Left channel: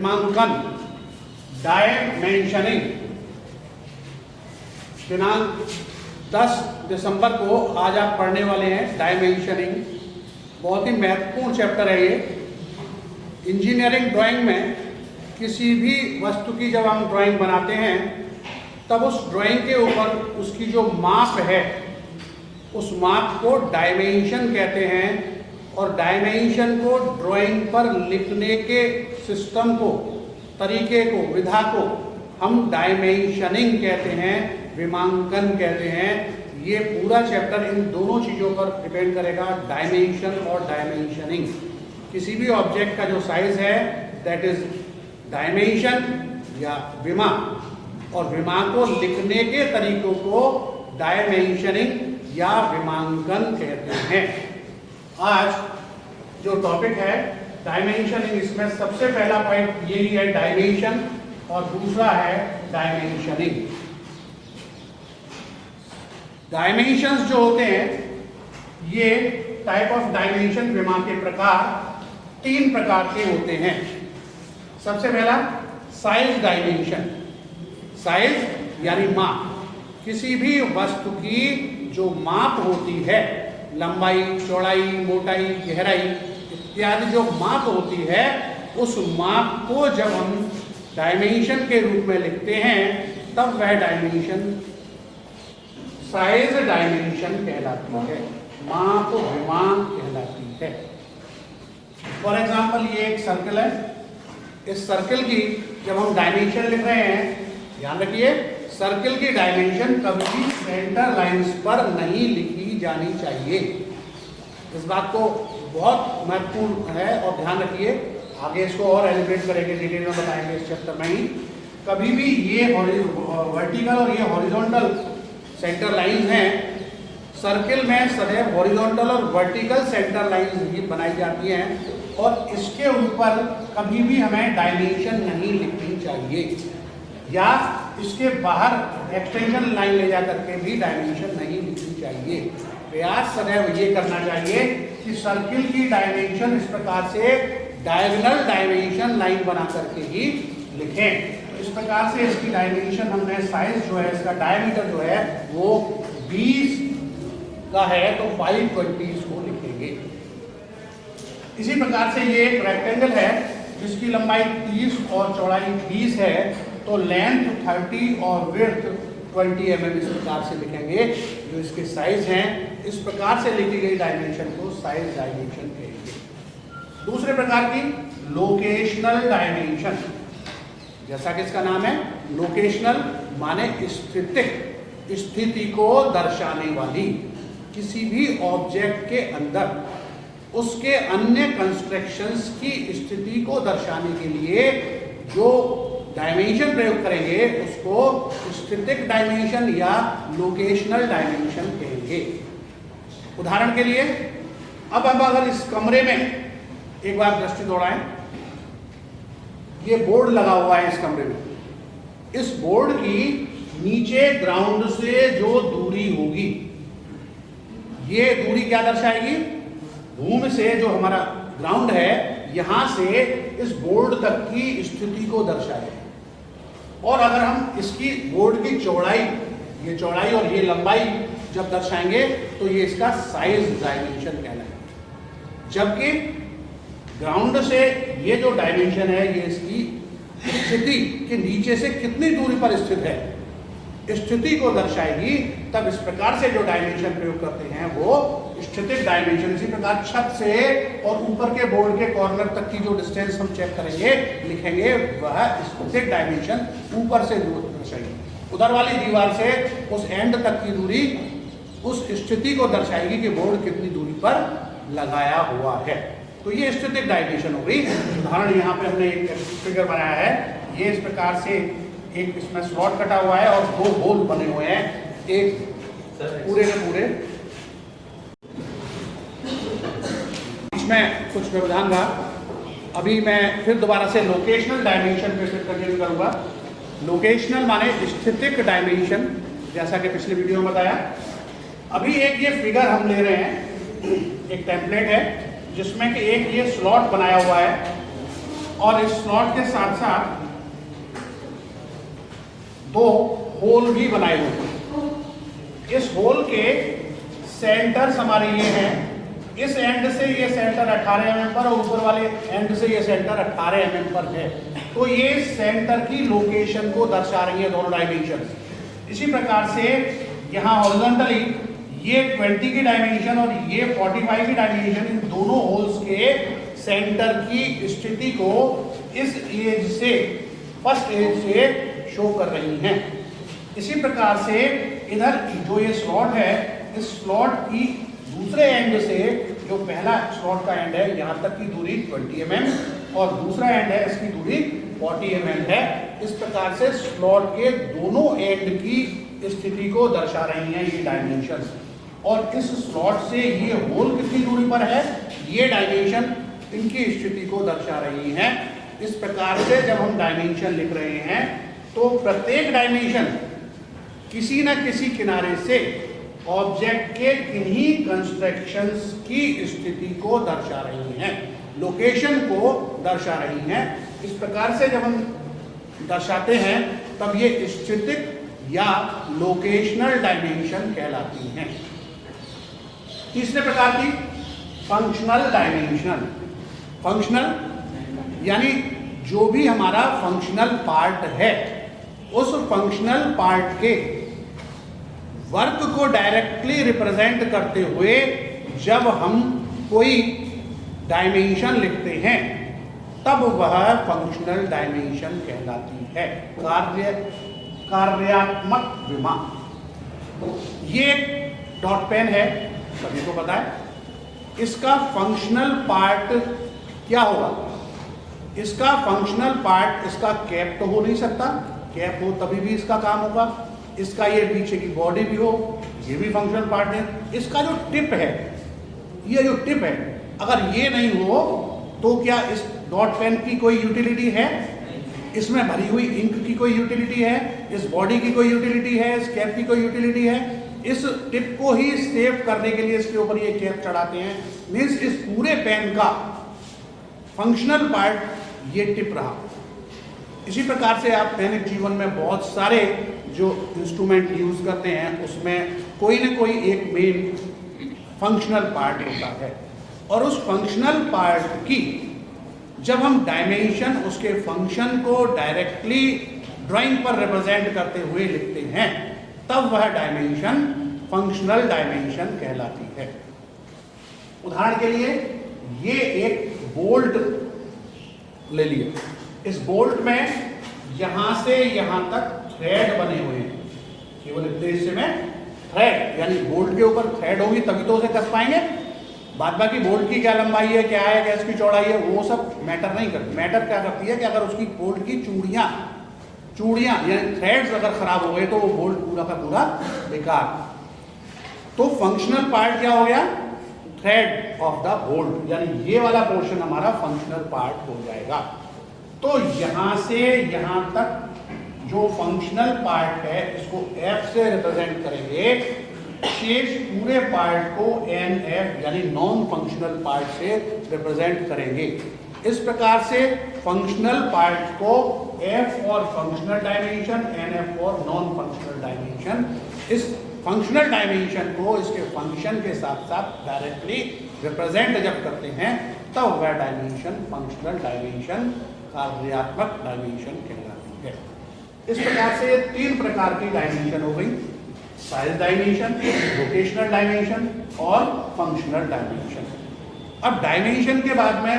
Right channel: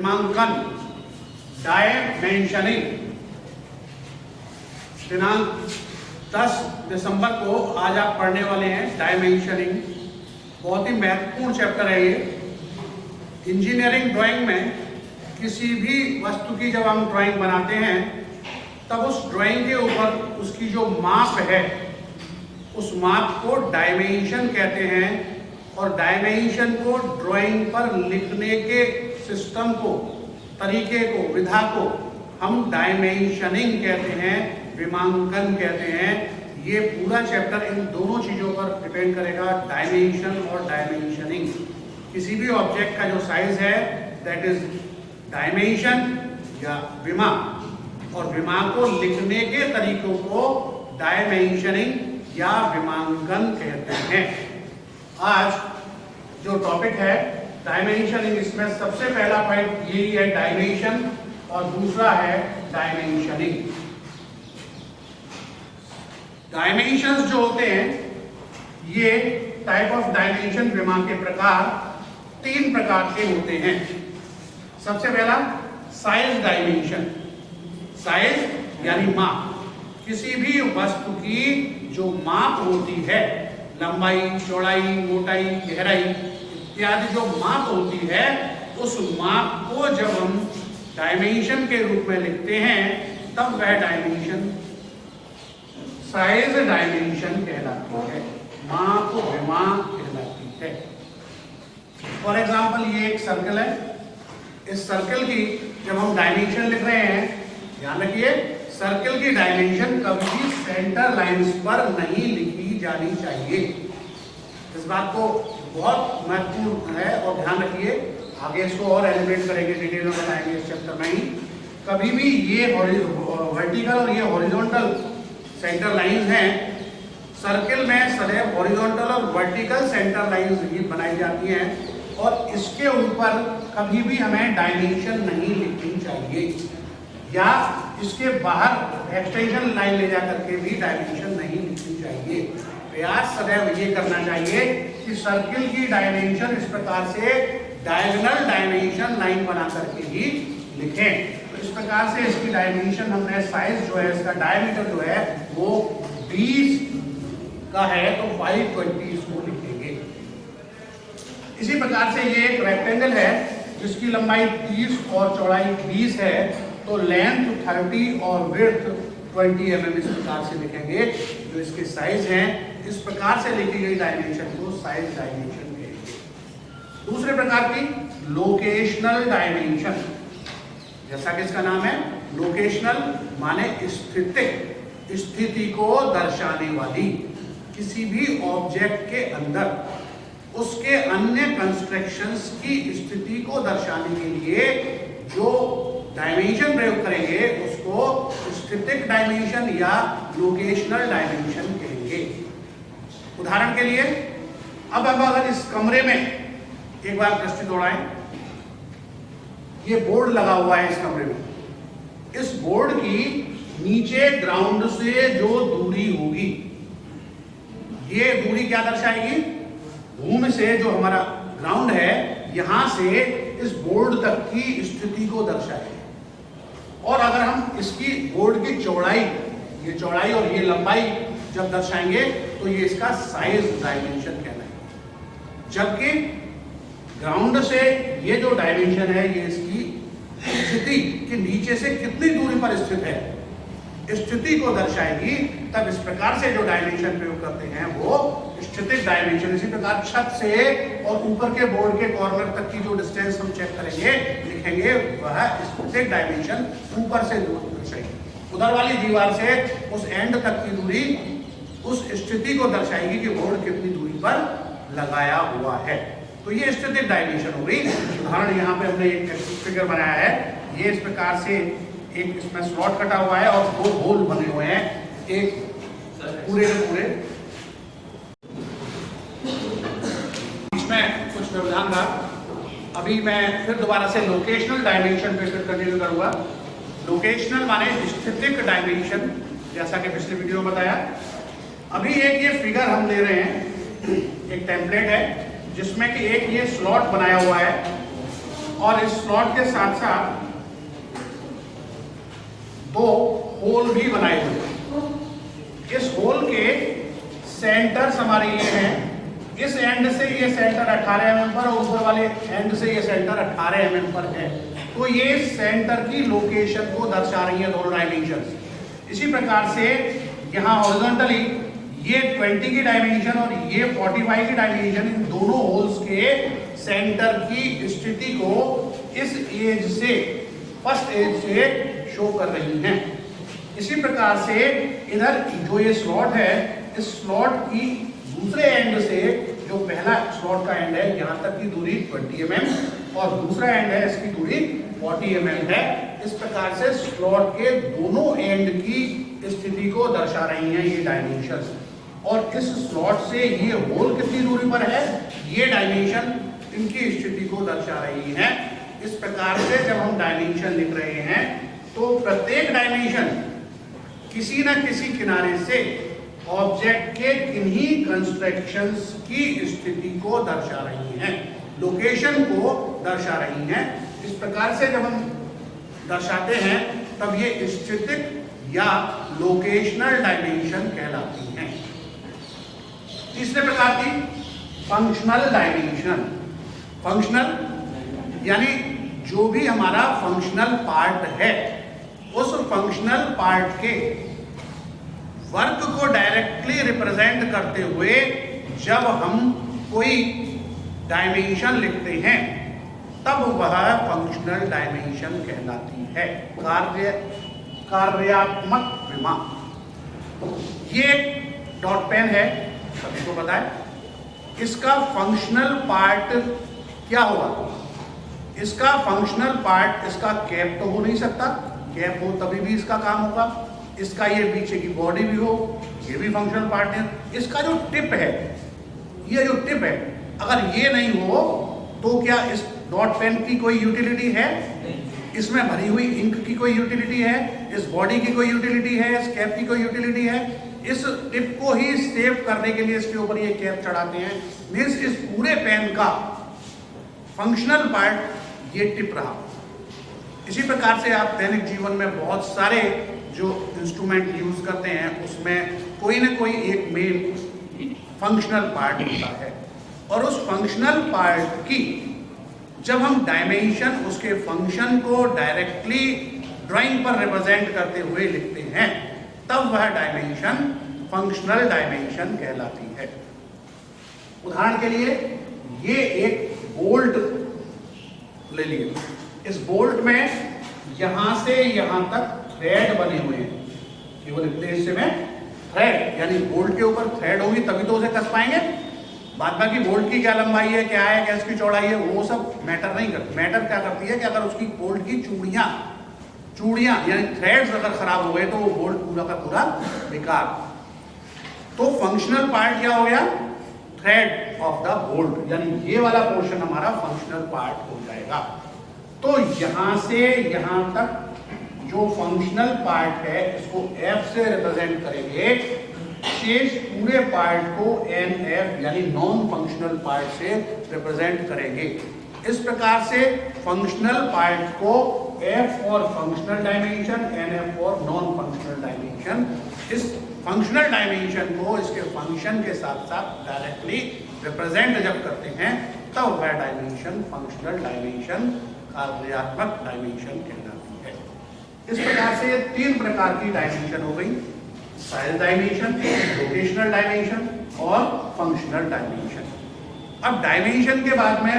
विमांकन dimensioning. दिनांक 10 दिसंबर को आज आप पढ़ने वाले हैं डायमेंशनिंग। बहुत ही महत्वपूर्ण चैप्टर है ये। इंजीनियरिंग ड्राइंग में किसी भी वस्तु की जब हम ड्राइंग बनाते हैं तब उस ड्राइंग के ऊपर उसकी जो माप है उस माप को डायमेंशन कहते हैं, और डायमेंशन को ड्राइंग पर लिखने के सिस्टम को, तरीके को, विधा को हम डायमेंशनिंग कहते हैं, विमांकन कहते हैं। ये पूरा चैप्टर इन दोनों चीजों पर डिपेंड करेगा, डायमेंशन और डायमेंशनिंग। किसी भी ऑब्जेक्ट का जो साइज है दैट इज डायमेंशन या विमा, और विमा को लिखने के तरीकों को डायमेंशनिंग या विमांकन कहते हैं। आज जो टॉपिक है डायमेंशनिंग, इसमें सबसे पहला पॉइंट ये है डायमेंशन और दूसरा है डायमेंशनिंग। डायमेंशंस जो होते हैं ये टाइप ऑफ डायमेंशन, विमा के प्रकार 3 प्रकार के होते हैं। सबसे पहला साइज डायमेंशन। साइज यानी माप। किसी भी वस्तु की जो माप होती है, लंबाई, चौड़ाई, मोटाई, गहराई इत्यादि जो माप होती है, उस माप को जब हम डायमेंशन के रूप में लिखते हैं तब वह डायमेंशन साइज डायमेंशन कहलाती है, माप विमा कहलाती है। फॉर एग्जाम्पल ये एक सर्कल है। इस सर्कल की जब हम डायमेंशन लिख रहे हैं, ध्यान रखिए सर्कल की डायमेंशन कभी भी सेंटर लाइंस पर नहीं लिखी जानी चाहिए। इस बात को बहुत महत्वपूर्ण है और ध्यान रखिए। आगे इसको और एलिब्रेट करेंगे, डिटेल में बताएंगे इस चैप्टर में ही। कभी भी ये वर्टिकल और ये हॉरिजॉन्टल सेंटर लाइन है। सर्कल में सदैव हॉरिजॉन्टल और वर्टिकल सेंटर लाइंस भी बनाई जाती हैं और इसके ऊपर कभी भी हमें डायमेंशन नहीं लिखनी चाहिए, या इसके बाहर एक्सटेंशन लाइन ले जा करके भी डायमेंशन नहीं लिखनी चाहिए। प्रयास सदैव ये करना चाहिए कि सर्किल की डायमेंशन इस प्रकार से डायगोनल डायमेंशन लाइन बना करके ही लिखें। तो इस प्रकार से इसकी डायमेंशन हमने, साइज जो है इसका, डायमीटर जो है वो 20 का है तो 520 इसको लिखेंगे। इसी प्रकार से ये एक रेक्टेंगल है जिसकी लंबाई 30 और चौड़ाई 20 है, तो लेंथ 30 और विड्थ 20 mm इस प्रकार से लिखेंगे जो इसके साइज हैं। इस प्रकार से लिखी गई डायमेंशन को साइज डायमेंशन कहेंगे। दूसरे प्रकार की लोकेशनल डायमेंशन, जैसा कि इसका नाम है लोकेशनल, माने स्थिति को दर्शाने वाली। किसी भी ऑब्जेक्ट के अंदर उसके अन्य कंस्ट्रक्शंस की स्थिति को दर्शाने के लिए जो डायमेंशन प्रयोग करेंगे उसको स्टैटिक डायमेंशन या लोकेशनल डायमेंशन कहेंगे। उदाहरण के लिए अब अगर इस कमरे में एक बार दृष्टि दौड़ाएं, ये बोर्ड लगा हुआ है इस कमरे में। इस बोर्ड की नीचे ग्राउंड से जो दूरी होगी, ये दूरी क्या दर्शाएगी? भूमि से जो हमारा ग्राउंड है यहां से इस बोर्ड तक की स्थिति को दर्शाएगी। और अगर हम इसकी बोर्ड की चौड़ाई, ये चौड़ाई और ये लंबाई जब दर्शाएंगे तो ये इसका साइज डायमेंशन कहलाएगा। जबकि ग्राउंड से ये जो डायमेंशन है ये इसकी स्थिति के नीचे से कितनी दूरी पर स्थित है, स्थिति को दर्शाएगी। तब इस प्रकार से जो डायमेंशन प्रयोग करते हैं वो स्टैटिक डायमेंशन। इसी प्रकार छत से और ऊपर के बोर्ड के कॉर्नर तक की जो डिस्टेंस हम चेक करेंगे, लिखेंगे, वह स्टैटिक डायमेंशन ऊपर से दर्शाएगी। उधर वाली दीवार से उस एंड तक की दूरी उस स्थिति को दर्शाएगी कि बोर्ड कितनी दूरी पर लगाया हुआ है। तो ये स्टैटिक डायमेंशन हो गई। उदाहरण यहाँ पे हमने एक फिगर बनाया है। ये इस प्रकार से एक इसमें स्लॉट कटा हुआ है और 2 होल बने हुए हैं, एक पूरे के पूरे। इसमें कुछ व्यवधान था। अभी मैं फिर दोबारा से लोकेशनल डायमेंशन पे फिर कंटिन्यू करूंगा। लोकेशनल माने स्थितिक डायमेंशन, जैसा कि पिछले वीडियो में बताया। अभी एक ये फिगर हम ले रहे हैं, एक टेम्पलेट है जिसमें कि एक ये स्लॉट बनाया हुआ है और इस स्लॉट के साथ साथ दो होल भी बनाए हुए हैं। इस होल के सेंटर्स हमारे ये हैं, इस एंड से ये सेंटर 18 mm पर और ऊपर वाले एंड से ये सेंटर 18 mm पर है। तो ये सेंटर की लोकेशन को दर्शा रही है दोनों डायमेंशन। इसी प्रकार से यहाँ हॉरिजॉन्टली ये 20 की डायमेंशन और ये 45 की डायमेंशन, इन दोनों होल्स के सेंटर की स्थिति को इस एज से, फर्स्ट एज से शो कर रही हैं। इसी प्रकार से इधर जो ये स्लॉट है, इस स्लॉट की दूसरे एंड से, जो पहला स्लॉट का एंड है, यहां तक की दूरी 20 mm और दूसरा एंड है, इसकी दूरी 40 mm है। इस प्रकार से स्लॉट के दोनों एंड की स्थिति को दर्शा रही हैं ये डायमेंशंस। और इस स्लॉट से ये होल कितनी दूरी पर है, ये डायमेंशन इनकी स्थिति को दर्शा रही है। इस प्रकार से जब हम डायमेंशन लिख रहे हैं तो प्रत्येक डायमेंशन किसी न किसी किनारे से ऑब्जेक्ट के किन्हीं कंस्ट्रक्शंस की स्थिति को दर्शा रही हैं, लोकेशन को दर्शा रही हैं। इस प्रकार से जब हम दर्शाते हैं तब ये स्थितिक या लोकेशनल डायमेंशन कहलाती हैं। तीसरे प्रकार की फंक्शनल डायमेंशन। फंक्शनल यानी जो भी हमारा फंक्शनल पार्ट है, उस फंक्शनल पार्ट के वर्क को डायरेक्टली रिप्रेजेंट करते हुए जब हम कोई डायमेंशन लिखते हैं तब वह फंक्शनल डायमेंशन कहलाती है। कार्यात्मक विमा, ये डॉट पेन है, सभी को पता है। इसका फंक्शनल पार्ट क्या होगा? इसका फंक्शनल पार्ट, इसका कैप तो हो नहीं सकता, कैप हो तभी भी इसका काम होगा। इसका ये पीछे की बॉडी भी हो, ये भी फंक्शनल पार्ट है। इसका जो टिप है, ये जो टिप है, अगर ये नहीं हो तो क्या इस डॉट पेन की कोई यूटिलिटी है? इसमें भरी हुई इंक की कोई यूटिलिटी है? इस बॉडी की कोई यूटिलिटी है? इस कैप की कोई यूटिलिटी है? इस टिप को ही सेव करने के लिए इसके ऊपर ये कैप चढ़ाते हैं। मीन्स इस पूरे पेन का फंक्शनल पार्ट ये टिप रहा। इसी प्रकार से आप दैनिक जीवन में बहुत सारे जो इंस्ट्रूमेंट यूज करते हैं उसमें कोई ना कोई एक मेन फंक्शनल पार्ट होता है, और उस फंक्शनल पार्ट की जब हम डायमेंशन, उसके फंक्शन को डायरेक्टली ड्राइंग पर रिप्रेजेंट करते हुए लिखते हैं, तब वह डायमेंशन फंक्शनल डायमेंशन कहलाती है। उदाहरण के लिए ये एक बोल्ट ले लिए। इस बोल्ट में यहां से यहां तक थ्रेड बने हुए हैं, केवल इतने हिस्से में थ्रेड, यानी बोल्ट के ऊपर थ्रेड होगी तभी तो उसे कस पाएंगे। बाद बाकी बोल्ट की क्या लंबाई है, क्या है, क्या इसकी चौड़ाई है, वो सब मैटर नहीं करती। मैटर क्या करती है कि अगर उसकी बोल्ट की चूड़ियां यानी थ्रेड अगर खराब हो गए तो वो बोल्ट पूरा का पूरा बेकार। तो फंक्शनल पार्ट क्या हो गया? थ्रेड ऑफ द बोल्ट, यानी ये वाला पोर्शन हमारा फंक्शनल पार्ट हो जाएगा। तो यहां से यहां तक जो फंक्शनल पार्ट है इसको F से रिप्रेजेंट करेंगे, शेष पूरे पार्ट को NF यानी नॉन फंक्शनल पार्ट से रिप्रेजेंट करेंगे। इस प्रकार से फंक्शनल पार्ट को F for functional dimension, NF for non functional dimension. इस फंक्शनल डायमेंशन को इसके फंक्शन के साथ साथ डायरेक्टली रिप्रेजेंट जब करते हैं तब वह डायमेंशन फंक्शनल डायमेंशन, कार्यात्मक डायमेंशन कहलाती है। इस प्रकार से ये तीन प्रकार की डायमेंशन हो गई, साइज डायमेंशन, लोकेशनल डायमेंशन और फंक्शनल डायमेंशन। अब डायमेंशन के बाद में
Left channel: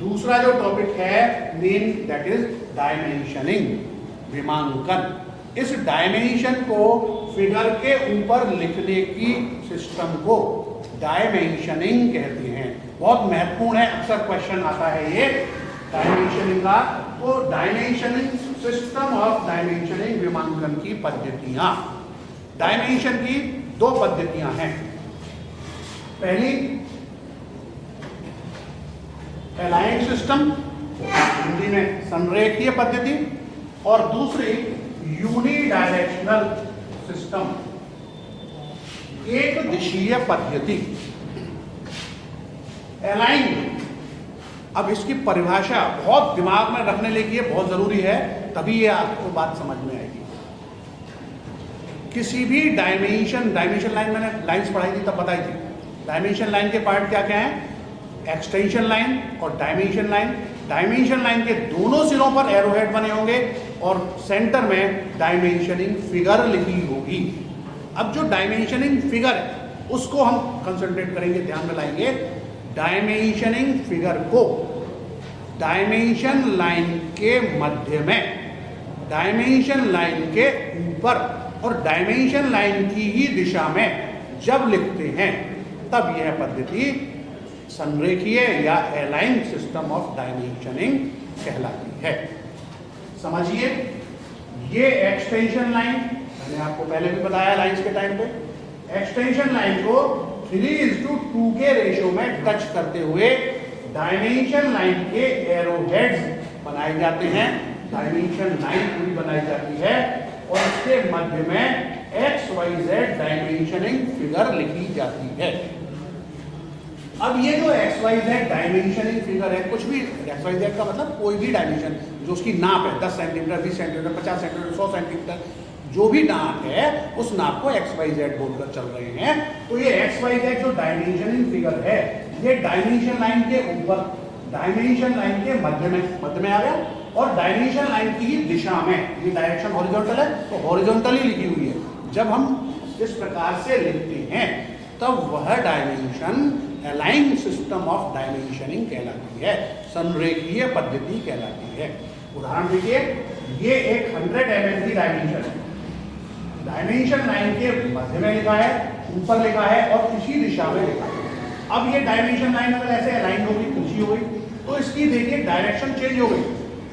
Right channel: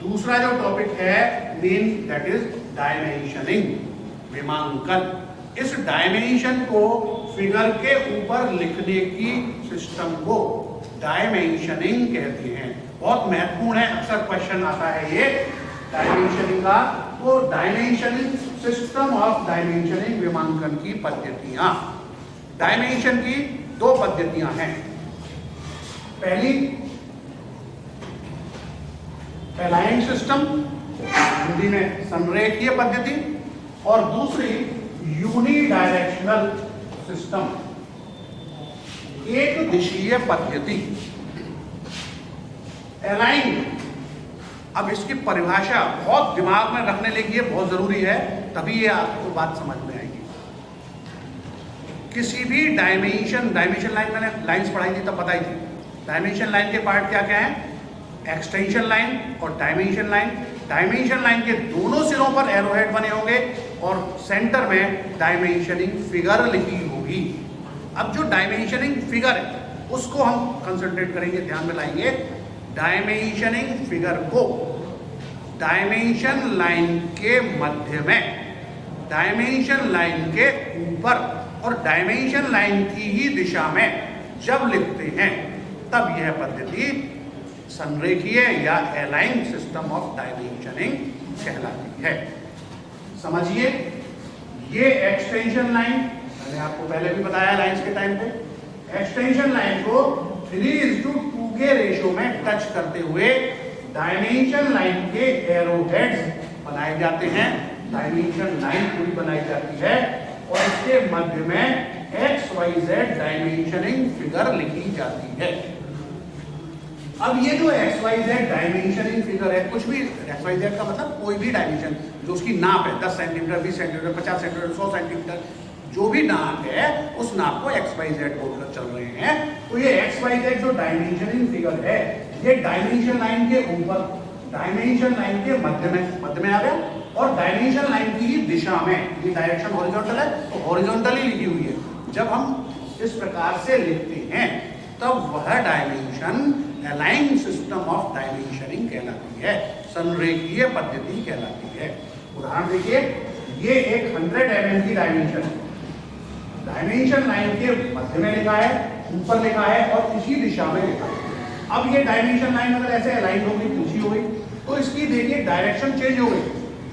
दूसरा जो टॉपिक है मेन, दैट इज डायमेंशनिंग, विमांकन। इस डायमेंशन को फिगर के ऊपर लिखने की सिस्टम को डायमेंशनिंग कहते हैं। बहुत महत्वपूर्ण है, अक्सर क्वेश्चन आता है ये डायमेंशनिंग का। तो डायमेंशनिंग, सिस्टम ऑफ डायमेंशनिंग, विमांकन की पद्धतियां। डायमेंशन की दो पद्धतियां हैं। पहली अलाइन सिस्टम, हिंदी में संरेखीय पद्धति, और दूसरी यूनिडायरेक्शनल सिस्टम, एक दिशीय पद्धति। अलाइन अब इसकी परिभाषा बहुत दिमाग में रखने लगी है, बहुत जरूरी है, तभी ये आपको बात समझ में आएगी। किसी भी डायमेंशन लाइन, मैंने लाइंस पढ़ाई थी तब बताई थी, डायमेंशन लाइन के पार्ट क्या क्या है, एक्सटेंशन लाइन और डायमेंशन लाइन। डायमेंशन लाइन के दोनों सिरों पर एरोहेड बने होंगे और सेंटर में डायमेंशनिंग फिगर लिखी होगी। अब जो डायमेंशनिंग फिगर है उसको हम कंसंट्रेट करेंगे, ध्यान में लाएंगे। डायमेंशनिंग फिगर को डायमेंशन लाइन के मध्य में, डायमेंशन लाइन के ऊपर और डायमेंशन लाइन की ही दिशा में जब लिखते हैं तब यह पद्धति संरेखीय या अलाइन सिस्टम ऑफ डायमेंशनिंग कहलाती है। समझिए, ये एक्सटेंशन लाइन, मैंने आपको पहले भी बताया लाइंस के टाइम पे, एक्सटेंशन लाइन को 3:2 के रेशियो में टच करते हुए डायमेंशन लाइन के एरोहेड्स बनाए जाते हैं, डायमेंशन लाइन पूरी बनाई जाती है और इसके मध्य में XYZ डायमेंशनिंग फिगर लिखी जाती है। अब ये जो XYZ डायमेंशनिंग फिगर है, कुछ भी XYZ का मतलब कोई भी डायमेंशन जो उसकी नाप है, 10 सेंटीमीटर, 20 सेंटीमीटर, 50 सेंटीमीटर, 100 सेंटीमीटर, जो भी नाप है उस नाप को XYZ बोलकर चल रहे हैं। तो ये XYZ जो डायमेंशनिंग फिगर है, ये डायमेंशन लाइन के ऊपर, डायमेंशन लाइन के मध्य में आ गया और डायमेंशन लाइन की ही दिशा में, ये डायरेक्शन हॉरिजॉन्टल है तो हॉरिजॉन्टली लिखी हुई है। जब हम इस प्रकार से लिखते हैं तब वह dimension align system of dimensioning कहलाती है, संरेखीय पद्धति कहलाती है। उदाहरण देखिए, ये एक 100 mm की डायमेंशन है, डायमेंशन लाइन के मध्य में लिखा है, ऊपर लिखा है और इसी दिशा में लिखा है। अब ये डायमेंशन लाइन अगर ऐसे अलाइन हो गई, ऊंची हो गई, तो इसकी देखिए डायरेक्शन चेंज हो गई।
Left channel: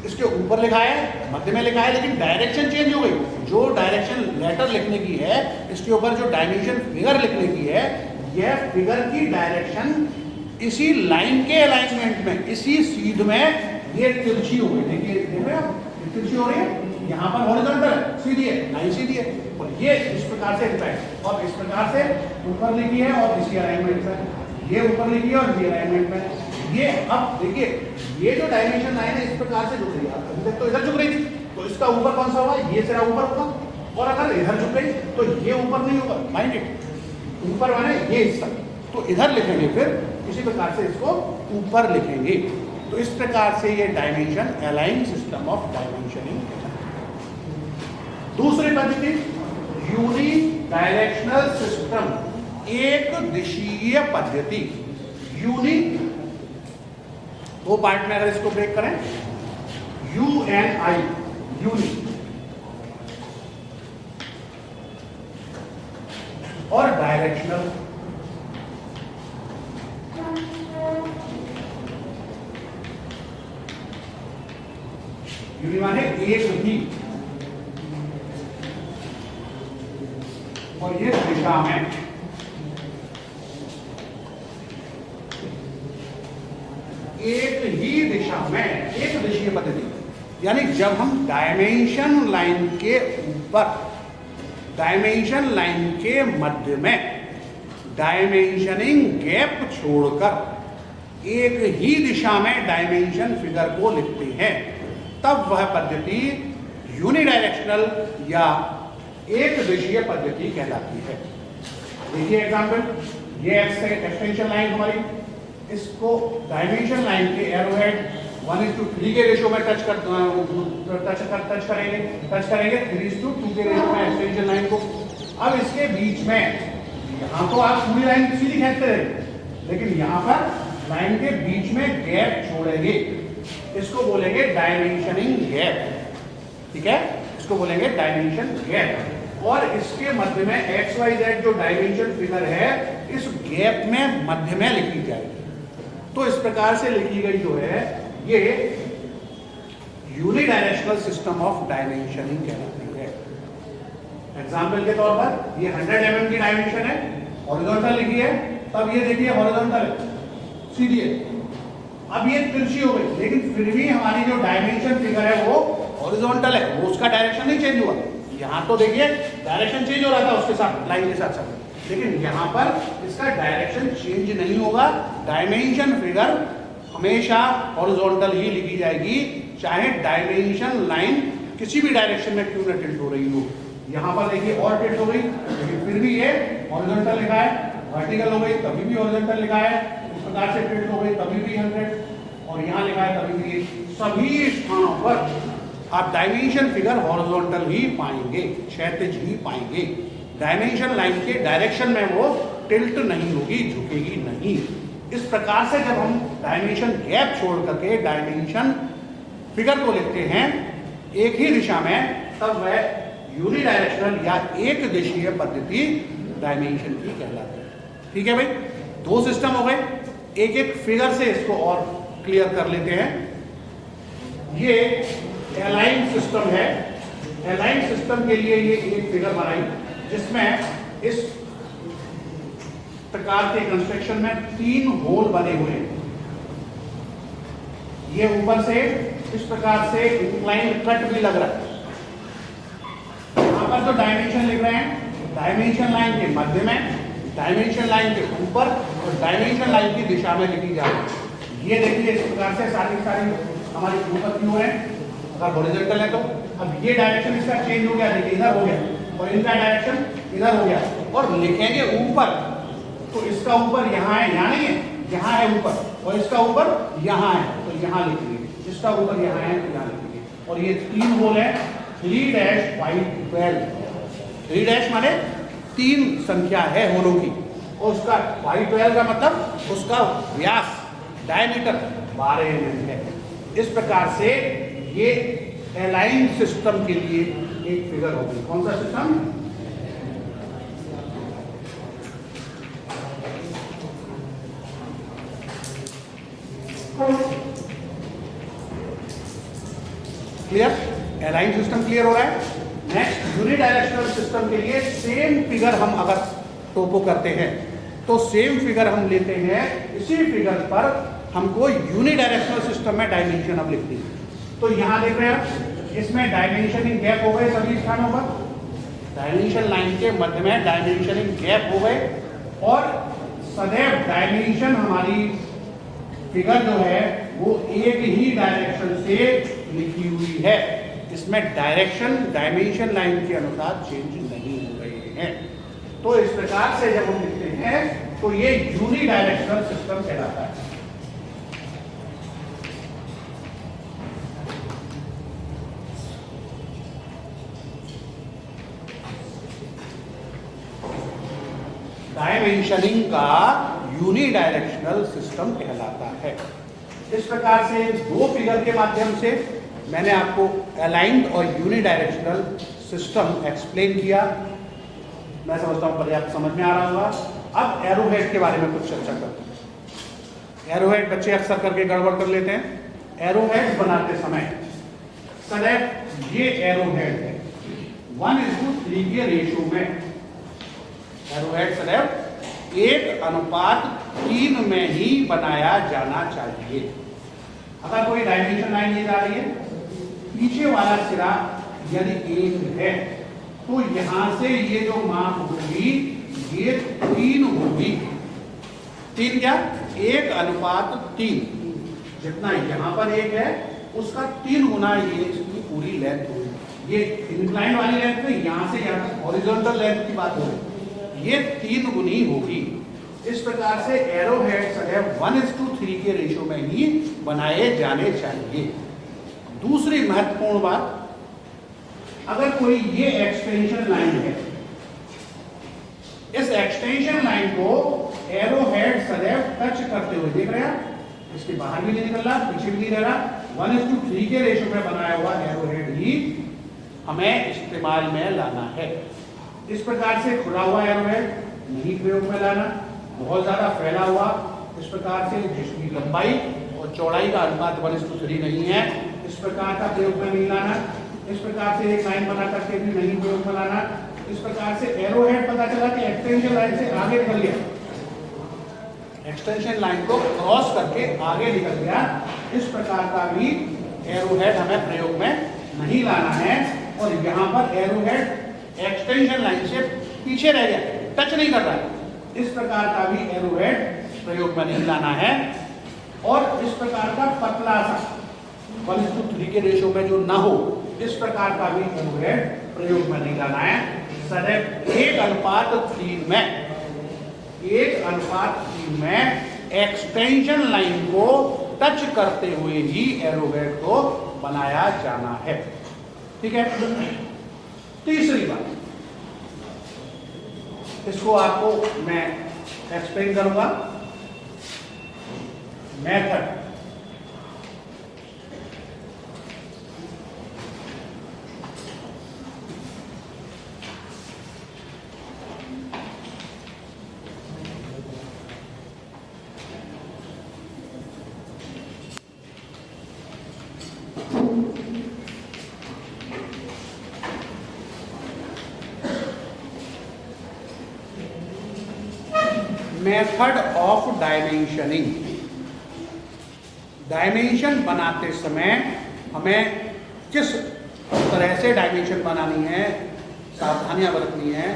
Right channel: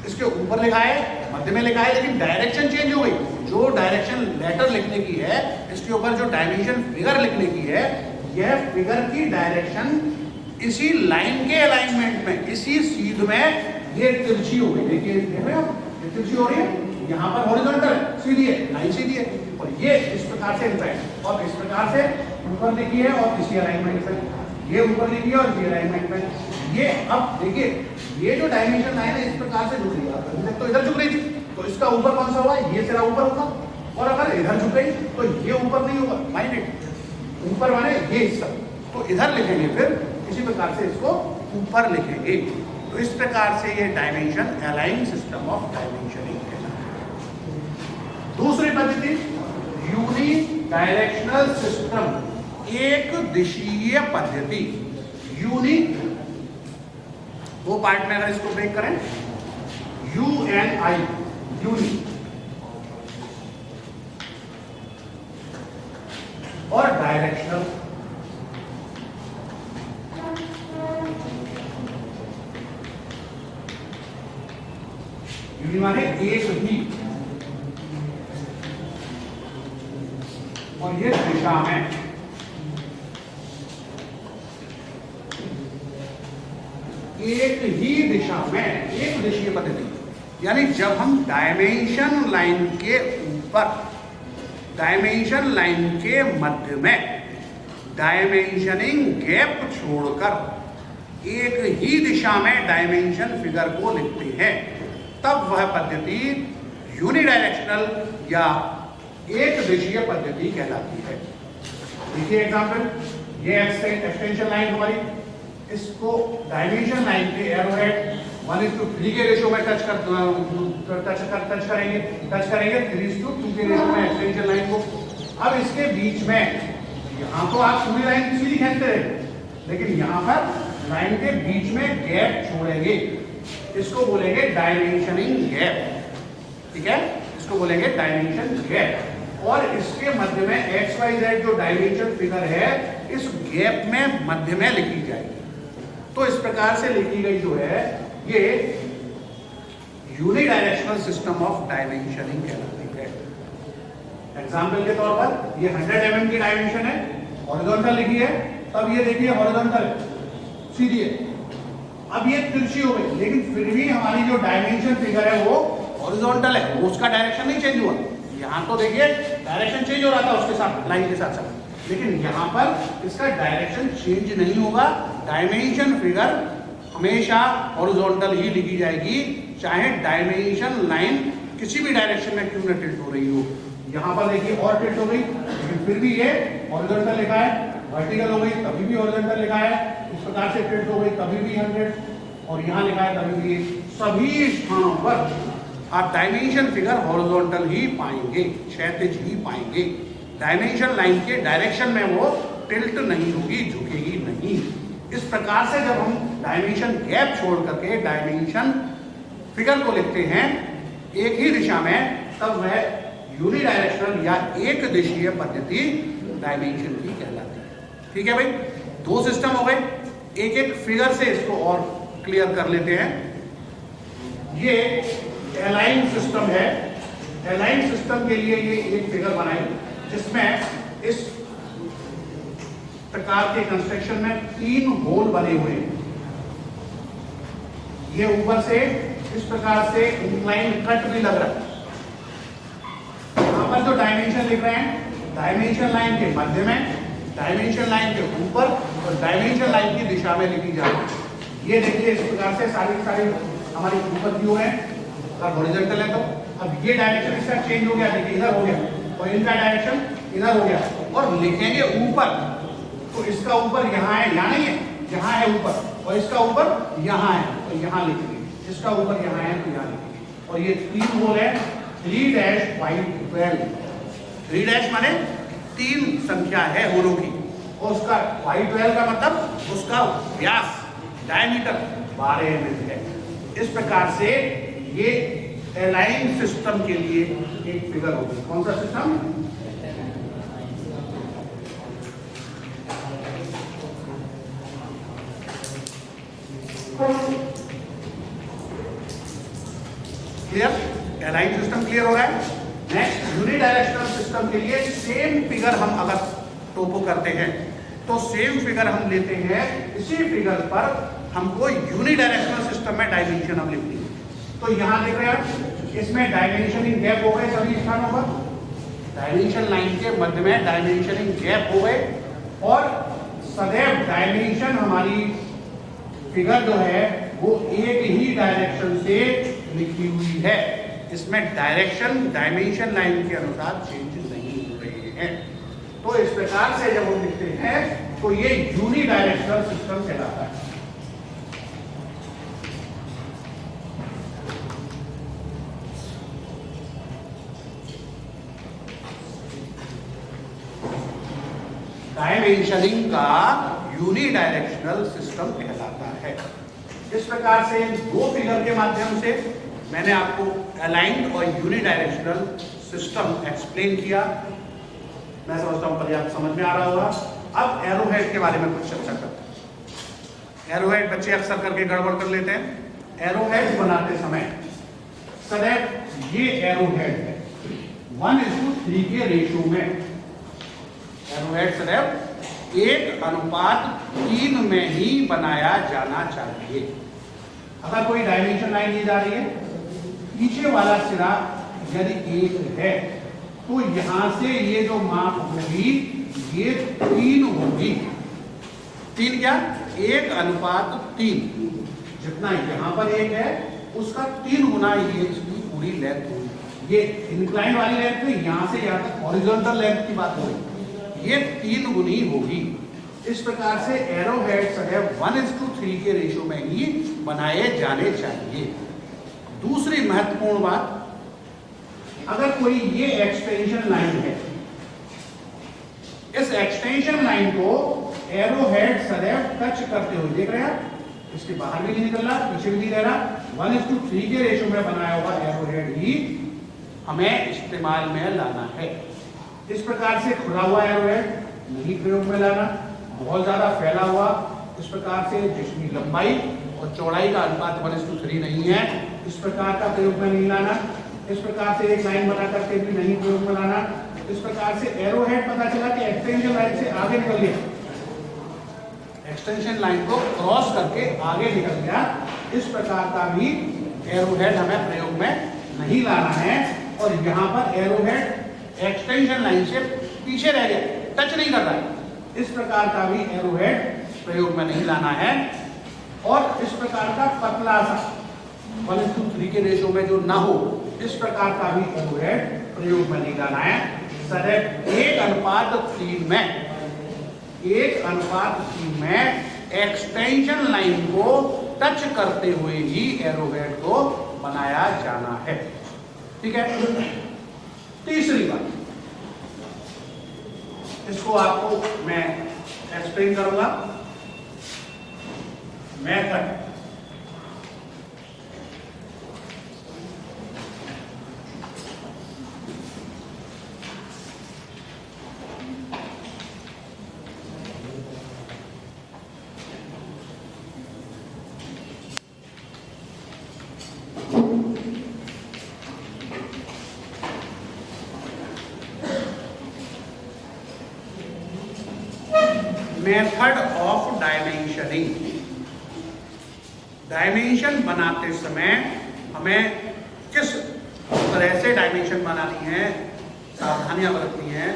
इसके ऊपर लिखा है, मध्य में लिखा है, लेकिन डायरेक्शन चेंज हो गई। जो डायरेक्शन लेटर लिखने की है, इसके ऊपर जो डायमेंशन फिगर लिखने की है, यह फिगर की डायरेक्शन इसी लाइन के अलाइनमेंट में, इसी सीध में ये तिरछी हो गई। देखिए ये तिरछी हो रही है, यहाँ पर हॉरिजॉन्टल है, सीधी है, लाइन सीधी है और ये इस प्रकार से लिखा है और इस प्रकार से ऊपर लिखी है और इसी अलाइनमेंट में, ये ऊपर लिखी है और इसी अलाइनमेंट में। ये अब देखिए, ये जो डायमेंशन लाइन है इस प्रकार से झुक रही है, अभी तक तो इधर झुक रही थी, तो इसका ऊपर कौन सा हुआ, ये सिरा ऊपर होगा, और अगर इधर झुक गई तो ये ऊपर नहीं होगा, माइंड ऊपर वाले ये हिस्सा, तो इधर लिखेंगे, फिर उसी प्रकार से इसको ऊपर लिखेंगे। तो इस प्रकार से ये dimension align system of dimensioning है। दूसरी पद्धति यूनि डायरेक्शनल सिस्टम, एक दिशीय पद्धति। यूनि दो पार्ट में अगर इसको ब्रेक करें, UNI, यूनि, और डायरेक्शनल। यूनि माने एक ही, और ये दिशा में, एक ही दिशा में, एक दिशीय पद्धति। यानी जब हम डायमेंशन लाइन के ऊपर, डायमेंशन लाइन के मध्य में डायमेंशनिंग गैप छोड़कर एक ही दिशा में डायमेंशन फिगर को लिखते हैं, तब वह पद्धति यूनिडायरेक्शनल या एक दिशीय पद्धति कहलाती है। देखिए एग्जांपल, ये एक्सटेंशन लाइन हमारी, इसको डायमेंशन लाइन के एरोहेड 1:3 के रेशियो में टच करेंगे 3:2 के रेशियो में एक्सटेंशन लाइन को। अब इसके बीच में, यहाँ तो आप पूरी लाइन किसी भी खींचते रहे, लेकिन यहाँ पर लाइन के बीच में गैप छोड़ेंगे, इसको बोलेंगे डायमेंशनिंग गैप, ठीक है, इसको बोलेंगे डायमेंशन गैप। और इसके मध्य में XYZ जो डायमेंशन फिगर है, इस गैप में मध्य में लिखी जाएगी। तो इस प्रकार से लिखी गई जो है ये यूनिडायरेक्शनल सिस्टम ऑफ डायमेंशनिंग कहलाती है। एग्जाम्पल के तौर पर ये 100 mm की डायमेंशन है, हॉरिजॉन्टल लिखी है, तब ये देखिए हॉरिजॉन्टल सीधी है। अब ये तिरछी हो गई, लेकिन फिर भी हमारी जो डायमेंशन फिगर है वो हॉरिजॉन्टल है, वो उसका डायरेक्शन नहीं चेंज हुआ। यहाँ तो देखिए डायरेक्शन चेंज हो रहा था उसके साथ, लाइन के साथ साथ, लेकिन यहाँ पर इसका डायरेक्शन चेंज नहीं होगा। डायमेंशन फिगर हमेशा हॉरिजॉन्टल ही लिखी जाएगी, चाहे डायमेंशन लाइन किसी भी डायरेक्शन में क्यों न टिल्ट हो रही हो। यहाँ पर देखिए और टिल्ट हो गई, फिर भी ये हॉरिजॉन्टल लिखा है, वर्टिकल हो गई तभी भी हॉरिजॉन्टल लिखा है, उस प्रकार से टिल्ट हो गई तभी भी 100, और यहाँ लिखा है तभी भी। सभी स्थानों पर आप डायमेंशन फिगर हॉरिजॉन्टल ही पाएंगे, क्षैतिज ही पाएंगे। डायमेंशन लाइन के डायरेक्शन में वो टिल्ट नहीं होगी, झुकेगी नहीं। इस प्रकार से जब हम डायमेंशन गैप छोड़ करके डायमेंशन फिगर को लिखते हैं एक ही दिशा में, तब वह यूनिडायरेक्शनल या एक दिशीय पद्धति डायमेंशन की कहलाती है। ठीक है भाई, दो सिस्टम हो गए, एक एक फिगर से इसको और क्लियर कर लेते हैं। ये एलाइन सिस्टम है। एलाइन सिस्टम के लिए ये एक फिगर बनाई जिसमें इस प्रकार के कंस्ट्रक्शन में 3 होल बने हुए हैं। ये ऊपर से इस प्रकार से इंक्लाइन कट भी लग रहा है। यहां पर जो डायमेंशन लिख रहे हैं, डायमेंशन लाइन के मध्य में, डायमेंशन लाइन के ऊपर और डायमेंशन लाइन की दिशा में लिखी जा रही है। ये देखिए इस प्रकार से सारी हमारी ऊपर क्यों है, अगर हॉरिजॉन्टल है तो अब ये डायरेक्शन इसका चेंज हो गया, देखिए इधर हो गया और इनका डायरेक्शन इधर हो गया, और लिखेंगे ऊपर तो इसका ऊपर यहाँ है, यहाँ नहीं है, यहाँ है ऊपर, और इसका ऊपर यहाँ है तो यहाँ लिखेंगे, इसका ऊपर यहाँ है तो यहाँ लिखेंगे। और ये 3 होल है, 3-5-12। 3 माने 3 संख्या है होलों की, और उसका 5-12 का मतलब उसका व्यास डायमीटर 12 यूनिट है। इस प्रकार से ये एलाइन सिस्टम के लिए एक फिगर होगी। कौन सा system? Clear? Align system clear हो रहा है। नेक्स्ट यूनिडायरेक्शनल सिस्टम के लिए सेम फिगर हम अगर टोपो करते हैं तो सेम फिगर हम लेते हैं, इसी फिगर पर हमको यूनिडायरेक्शनल सिस्टम में डायमेंशन अब लिखनी है। तो यहां देख रहे हैं इसमें डायमेंशनिंग गैप हो गए सभी स्थानों पर, डायमेंशन लाइन के मध्य में डायमेंशनिंग गैप हो गए, और सदैव डायमेंशन हमारी फिगर जो है वो एक ही डायरेक्शन से लिखी हुई है। इसमें डायरेक्शन डायमेंशन लाइन के अनुसार चेंज नहीं हो रही है। तो इस प्रकार से जब हम लिखते हैं तो ये यूनिडायरेक्शनल सिस्टम कहलाता है। डायमेंशनिंग का यूनिडायरेक्शनल सिस्टम कहलाता है। इस प्रकार से 2 फिगर के माध्यम से मैंने आपको अलाइंड और यूनिडायरेक्शनल सिस्टम एक्सप्लेन किया। मैं समझता हूं पर्याप्त समझ में आ रहा होगा। अब एरोहेड के बारे में कुछ चर्चा करते हैं। एरोहेड बच्चे अक्सर करके गड़बड़ कर लेते हैं। एरोहेड बनाते समय सदैव ये एरोहेड है 1:3 के रेशियो में, एरोहेड सदैव 1:3 में ही बनाया जाना चाहिए। अगर कोई डायमेंशन लाइन दी जा रही है, पीछे वाला सिरा यदि 1 है तो यहां से ये जो माप होगी ये 3 होगी। 3 क्या? 1:3। जितना यहां पर 1 है उसका 3 गुना ये इसकी पूरी लेंथ होगी। ये इंक्लाइन वाली लेंथ है, यहां से यहां तक हॉरिजॉन्टल लेंथ की बात हो रही, ये 3 गुनी होगी। इस प्रकार से एरोहेड सदैव 1:3 के रेशियो में ही बनाए जाने चाहिए। दूसरी महत्वपूर्ण बात, अगर कोई ये एक्सटेंशन लाइन है, इस एक्सटेंशन लाइन को एरोहेड सदैव टच करते हुए, देख रहे हैं इसके बाहर भी नहीं निकल रहा, पीछे भी नहीं रह रहा, 1:3 के रेशियो में बनाया हुआ एरोहेड ही हमें इस्तेमाल में लाना है। इस प्रकार से खुला हुआ एरोहेड नहीं प्रयोग में लाना, बहुत ज्यादा फैला हुआ इस प्रकार से जिसकी लंबाई और चौड़ाई का अनुपात 1:3 नहीं है, इस प्रकार का प्रयोग में नहीं लाना। इस प्रकार से एक लाइन बना करके भी नहीं प्रयोग में लाना। इस प्रकार से एरोहेड पता चला कि एक्सटेंशन लाइन से आगे निकल गया, एक्सटेंशन लाइन को क्रॉस करके आगे निकल गया, इस प्रकार का भी एरोहेड हमें प्रयोग में नहीं लाना है। और यहाँ पर एरोहेड एक्सटेंशन लाइन से पीछे रह गया, टच नहीं कर रहा है, इस प्रकार का भी एरोहेड प्रयोग में नहीं लाना है। और इस प्रकार का पतला सा 1:3 के रेशो में जो ना हो, इस प्रकार का भी एरोहेड प्रयोग में नहीं लाना है। सदैव 1:3 में एक्सटेंशन लाइन को टच करते हुए ही एरोहेड को बनाया जाना है। ठीक है। तीसरी बात, इसको आपको मैं एक्सप्लेन करूंगा। Method, method of dimensioning. Dimension बनाते समय हमें किस तरह से डायमेंशन बनानी है, सावधानियां बरतनी है,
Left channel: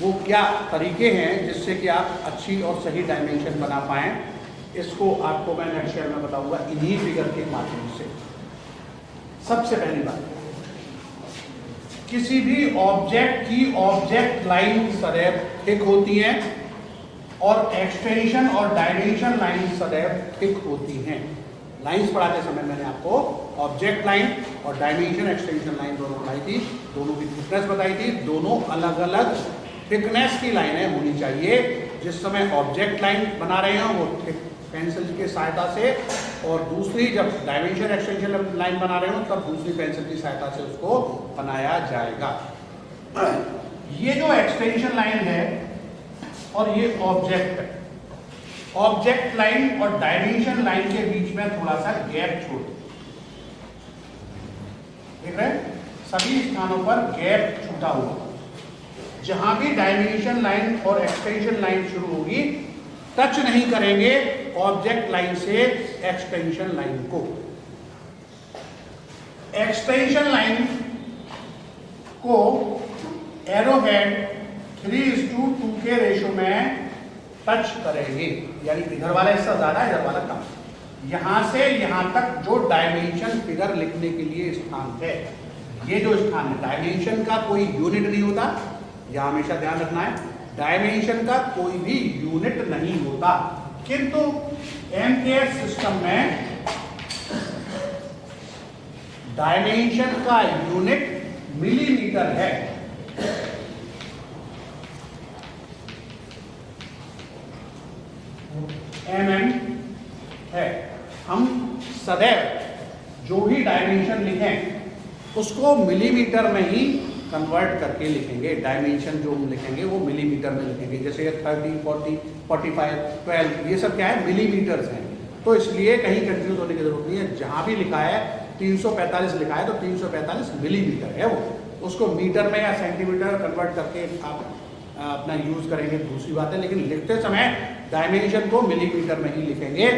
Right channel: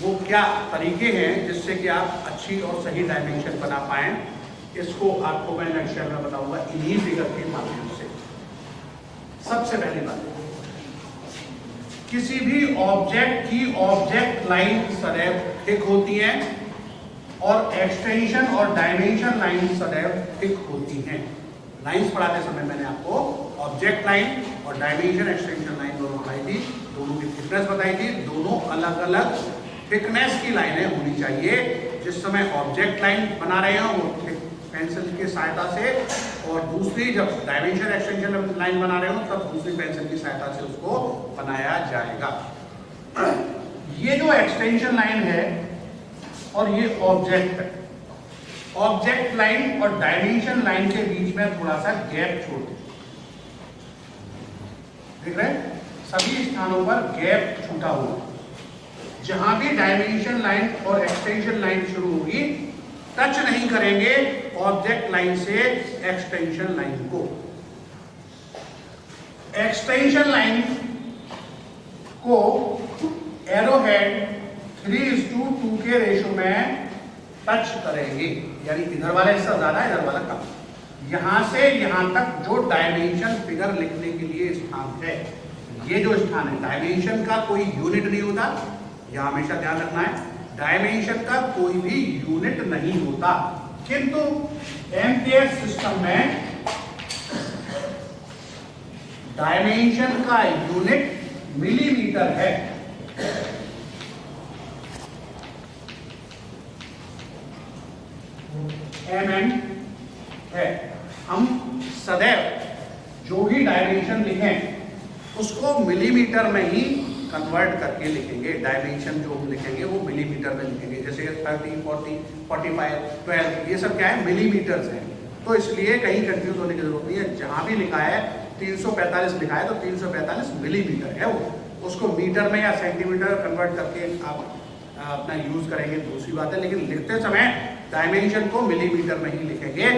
वो क्या तरीके हैं जिससे कि आप अच्छी और सही डायमेंशन बना पाएं, इसको आपको मैं नेक्स्ट में बताऊंगा इन्हीं फिगर के माध्यम से। सबसे पहली बात, किसी भी ऑब्जेक्ट की ऑब्जेक्ट लाइन सदैव थिक होती है और एक्सटेंशन और डायमेंशन लाइन सदैव थिक होती हैं। लाइंस पढ़ाते समय मैंने आपको ऑब्जेक्ट लाइन और डायमेंशन एक्सटेंशन लाइन दोनों पढ़ाई थी, दोनों की थिकनेस बताई थी। दोनों अलग अलग थिकनेस की लाइनें होनी चाहिए। जिस समय ऑब्जेक्ट लाइन बना रहे हो वो पेंसिल की सहायता से, और दूसरी जब डायमेंशन एक्सटेंशन लाइन बना रहे हो तब दूसरी पेंसिल की सहायता से उसको बनाया जाएगा। ये जो एक्सटेंशन लाइन है और ये ऑब्जेक्ट लाइन और डायमेंशन लाइन के बीच में थोड़ा सा गैप छोड़ दें। देख रहे हैं, सभी स्थानों पर गैप छूटा हुआ। जहां भी डायमेंशन लाइन और एक्सटेंशन लाइन शुरू होगी, टच नहीं करेंगे ऑब्जेक्ट लाइन से एक्सटेंशन लाइन को। एक्सटेंशन लाइन को एरोहेड 3:2 के रेशो में टच करेंगे, यानी इधर वाला हिस्सा ज्यादा, इधर वाला कम। यहां से यहां तक जो डायमेंशन फिगर लिखने के लिए स्थान है, ये जो स्थान है, डायमेंशन का कोई यूनिट नहीं होता, यह हमेशा ध्यान रखना है। डायमेंशन का कोई भी यूनिट नहीं होता, किंतु एमकेएस सिस्टम में डायमेंशन का यूनिट मिलीमीटर है। mm है। हम सदैव जो भी डायमेंशन लिखें उसको मिलीमीटर में ही कन्वर्ट करके लिखेंगे। डायमेंशन जो हम लिखेंगे वो मिलीमीटर में लिखेंगे। जैसे 30, 40, 45, 12 ये सब क्या है, मिलीमीटर्स हैं। तो इसलिए कहीं कंफ्यूज होने की जरूरत नहीं है। जहां भी लिखा है 345 लिखा है तो 345 मिलीमीटर है वो, उसको मीटर में या सेंटीमीटर कन्वर्ट करके आप अपना यूज करेंगे, दूसरी बात है। लेकिन लिखते समय डायमेंशन को मिलीमीटर में ही लिखेंगे।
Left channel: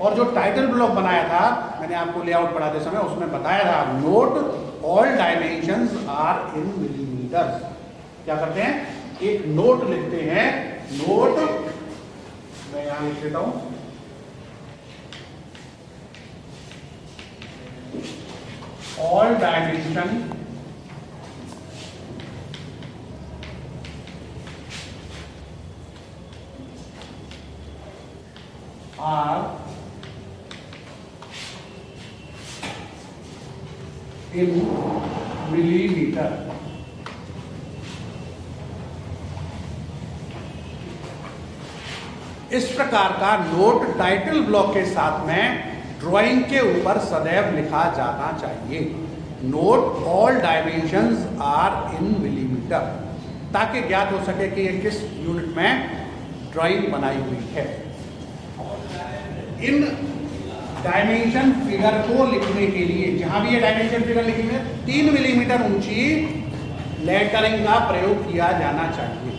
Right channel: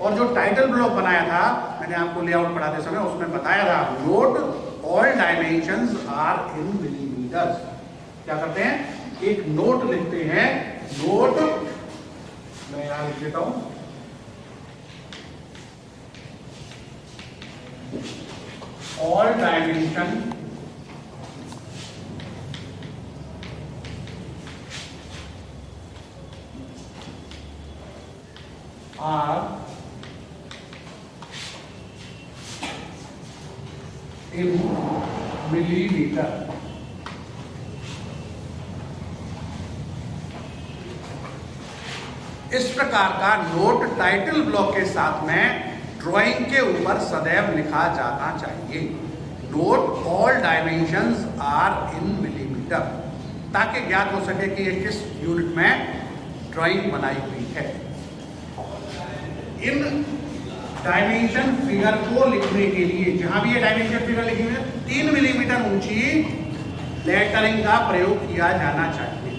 और जो टाइटल ब्लॉक बनाया था मैंने आपको लेआउट पढ़ाते समय, उसमें बताया था note all dimensions are in millimetre. क्या करते हैं, एक नोट लिखते हैं। नोट मैं यहां लिख देता हूं, all dimension are in millimeter। इस प्रकार का नोट टाइटल ब्लॉक के साथ में ड्राइंग के ऊपर सदैव लिखा जाना चाहिए। Note all dimensions are in millimetre, ताकि ज्ञात हो सके कि ये किस यूनिट में ड्राइंग बनाई हुई है। इन डायमेंशन फिगर को लिखने के लिए, जहां भी ये डायमेंशन फिगर लिखेंगे 3 मिलीमीटर ऊंची लेटरिंग का प्रयोग किया जाना चाहिए।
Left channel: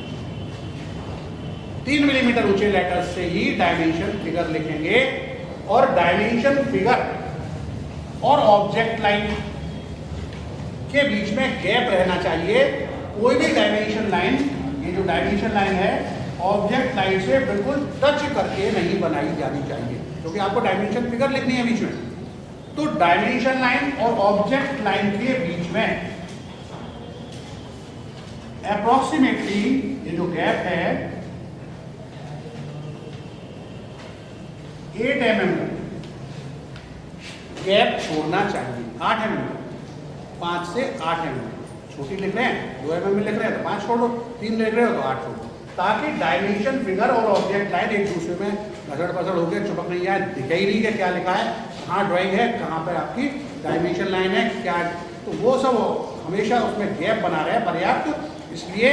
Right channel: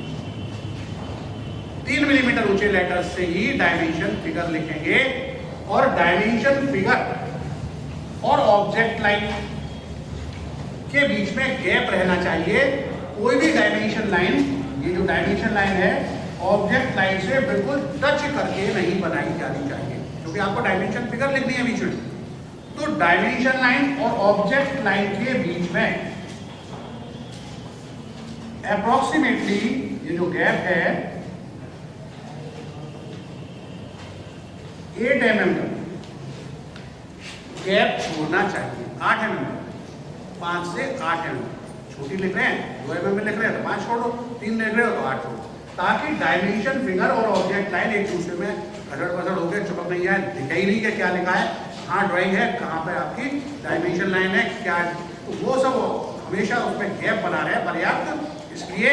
3 मिलीमीटर ऊंचे लेटर से ही डायमेंशन फिगर लिखेंगे। और डायमेंशन फिगर और ऑब्जेक्ट लाइन के बीच में गैप रहना चाहिए। कोई भी डायमेंशन लाइन, ये जो डायमेंशन लाइन है, ऑब्जेक्ट लाइन से बिल्कुल टच करके नहीं बनाई जानी चाहिए। क्योंकि आपको डायमेंशन फिगर लिखनी है बीच में। तो डायमेंशन लाइन और ऑब्जेक्ट लाइन के बीच में अप्रोक्सीमेटली ये जो गैप है 8 mm का गैप छोड़ना चाहिए। 8 mm, 5 से 8 mm। छोटी लिख रहे हैं 2 mm में लिख रहे हैं तो 5 छोड़ो, 3 लिख रहे हो तो 8 छोड़ो, ताकि डायमेंशन फिगर और ऑब्जेक्ट लाइन एक दूसरे में गड़बड़ पसड़ होकर चिपक नहीं जाए, दिखे ही नहीं कि क्या लिखा है, कहाँ ड्राइंग है, कहाँ पे आपकी डायमेंशन लाइन है, क्या। तो वो सब हमेशा उसमें गैप बना रहे हैं पर्याप्त। इसलिए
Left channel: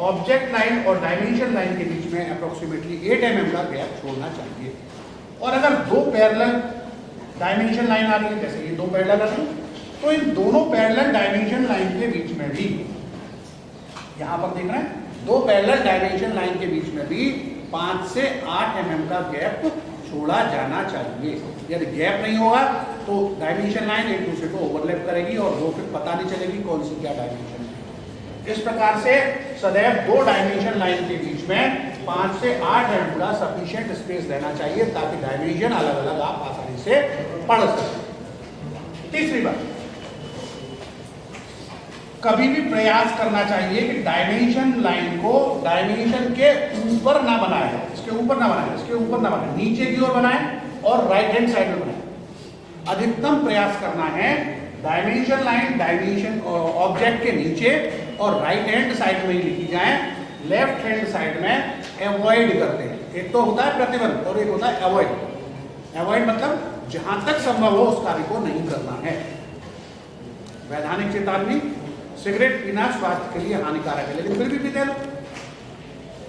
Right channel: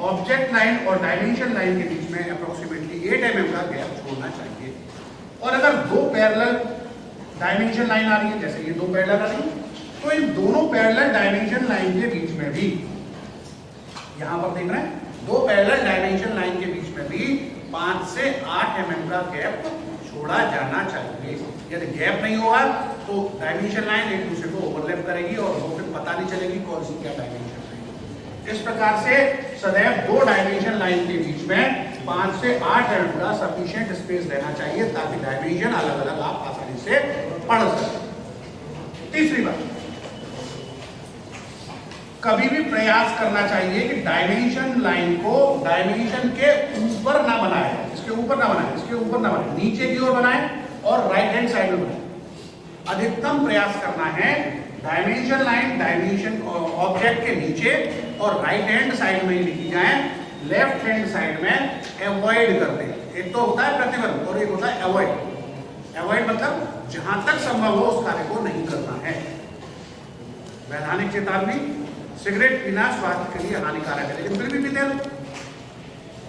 ऑब्जेक्ट लाइन और डायमेंशन लाइन के बीच में अप्रोक्सीमेटली 8 mm का गैप छोड़ना चाहिए। और अगर दो पैरेलल डायमेंशन लाइन आ रही है, जैसे ये दो पैरेलल आ रही है, तो इन दोनों पैरेलल डायमेंशन लाइन के बीच में भी, यहां पर देख रहे हैं, दो पैरेलल डायमेंशन लाइन के बीच में भी 5 से 8 mm का गैप छोड़ा जाना चाहिए। यदि गैप नहीं होगा तो डायमेंशन लाइन एक दूसरे को ओवरलैप करेगी और वो फिर पता नहीं चलेगी कौन सी क्या डायमेंशन है। इस प्रकार से सदैव दो डायमेंशन लाइन के बीच में 5 से 8 mm का सफिशिएंट स्पेस रहना चाहिए, ताकि डायमेंशन अलग अलग आप आसानी से पढ़ सकें। तीसरी बात, कभी भी प्रयास करना चाहिए कि डायमेंशन लाइन को डायमेंशन के ऊपर ना बनाए, इसके ऊपर ना बनाए, इसके ऊपर ना बनाए, नीचे की ओर बनाए और राइट हैंड साइड में बनाए। अधिकतम प्रयास करना है डायमेंशन लाइन डायमेंशन ऑब्जेक्ट के नीचे और राइट हैंड साइड में ही लिखी जाए, लेफ्ट हैंड साइड में अवॉइड करते हैं। एक तो होता है प्रतिबंध और एक होता है अवॉइड। अवॉइड मतलब जहां तक संभव हो उस कार्य को नहीं करना है। वैधानिक चेतावनी, सिगरेट पीना स्वास्थ्य के लिए हानिकारक है, लेकिन फिर भी पीते हैं।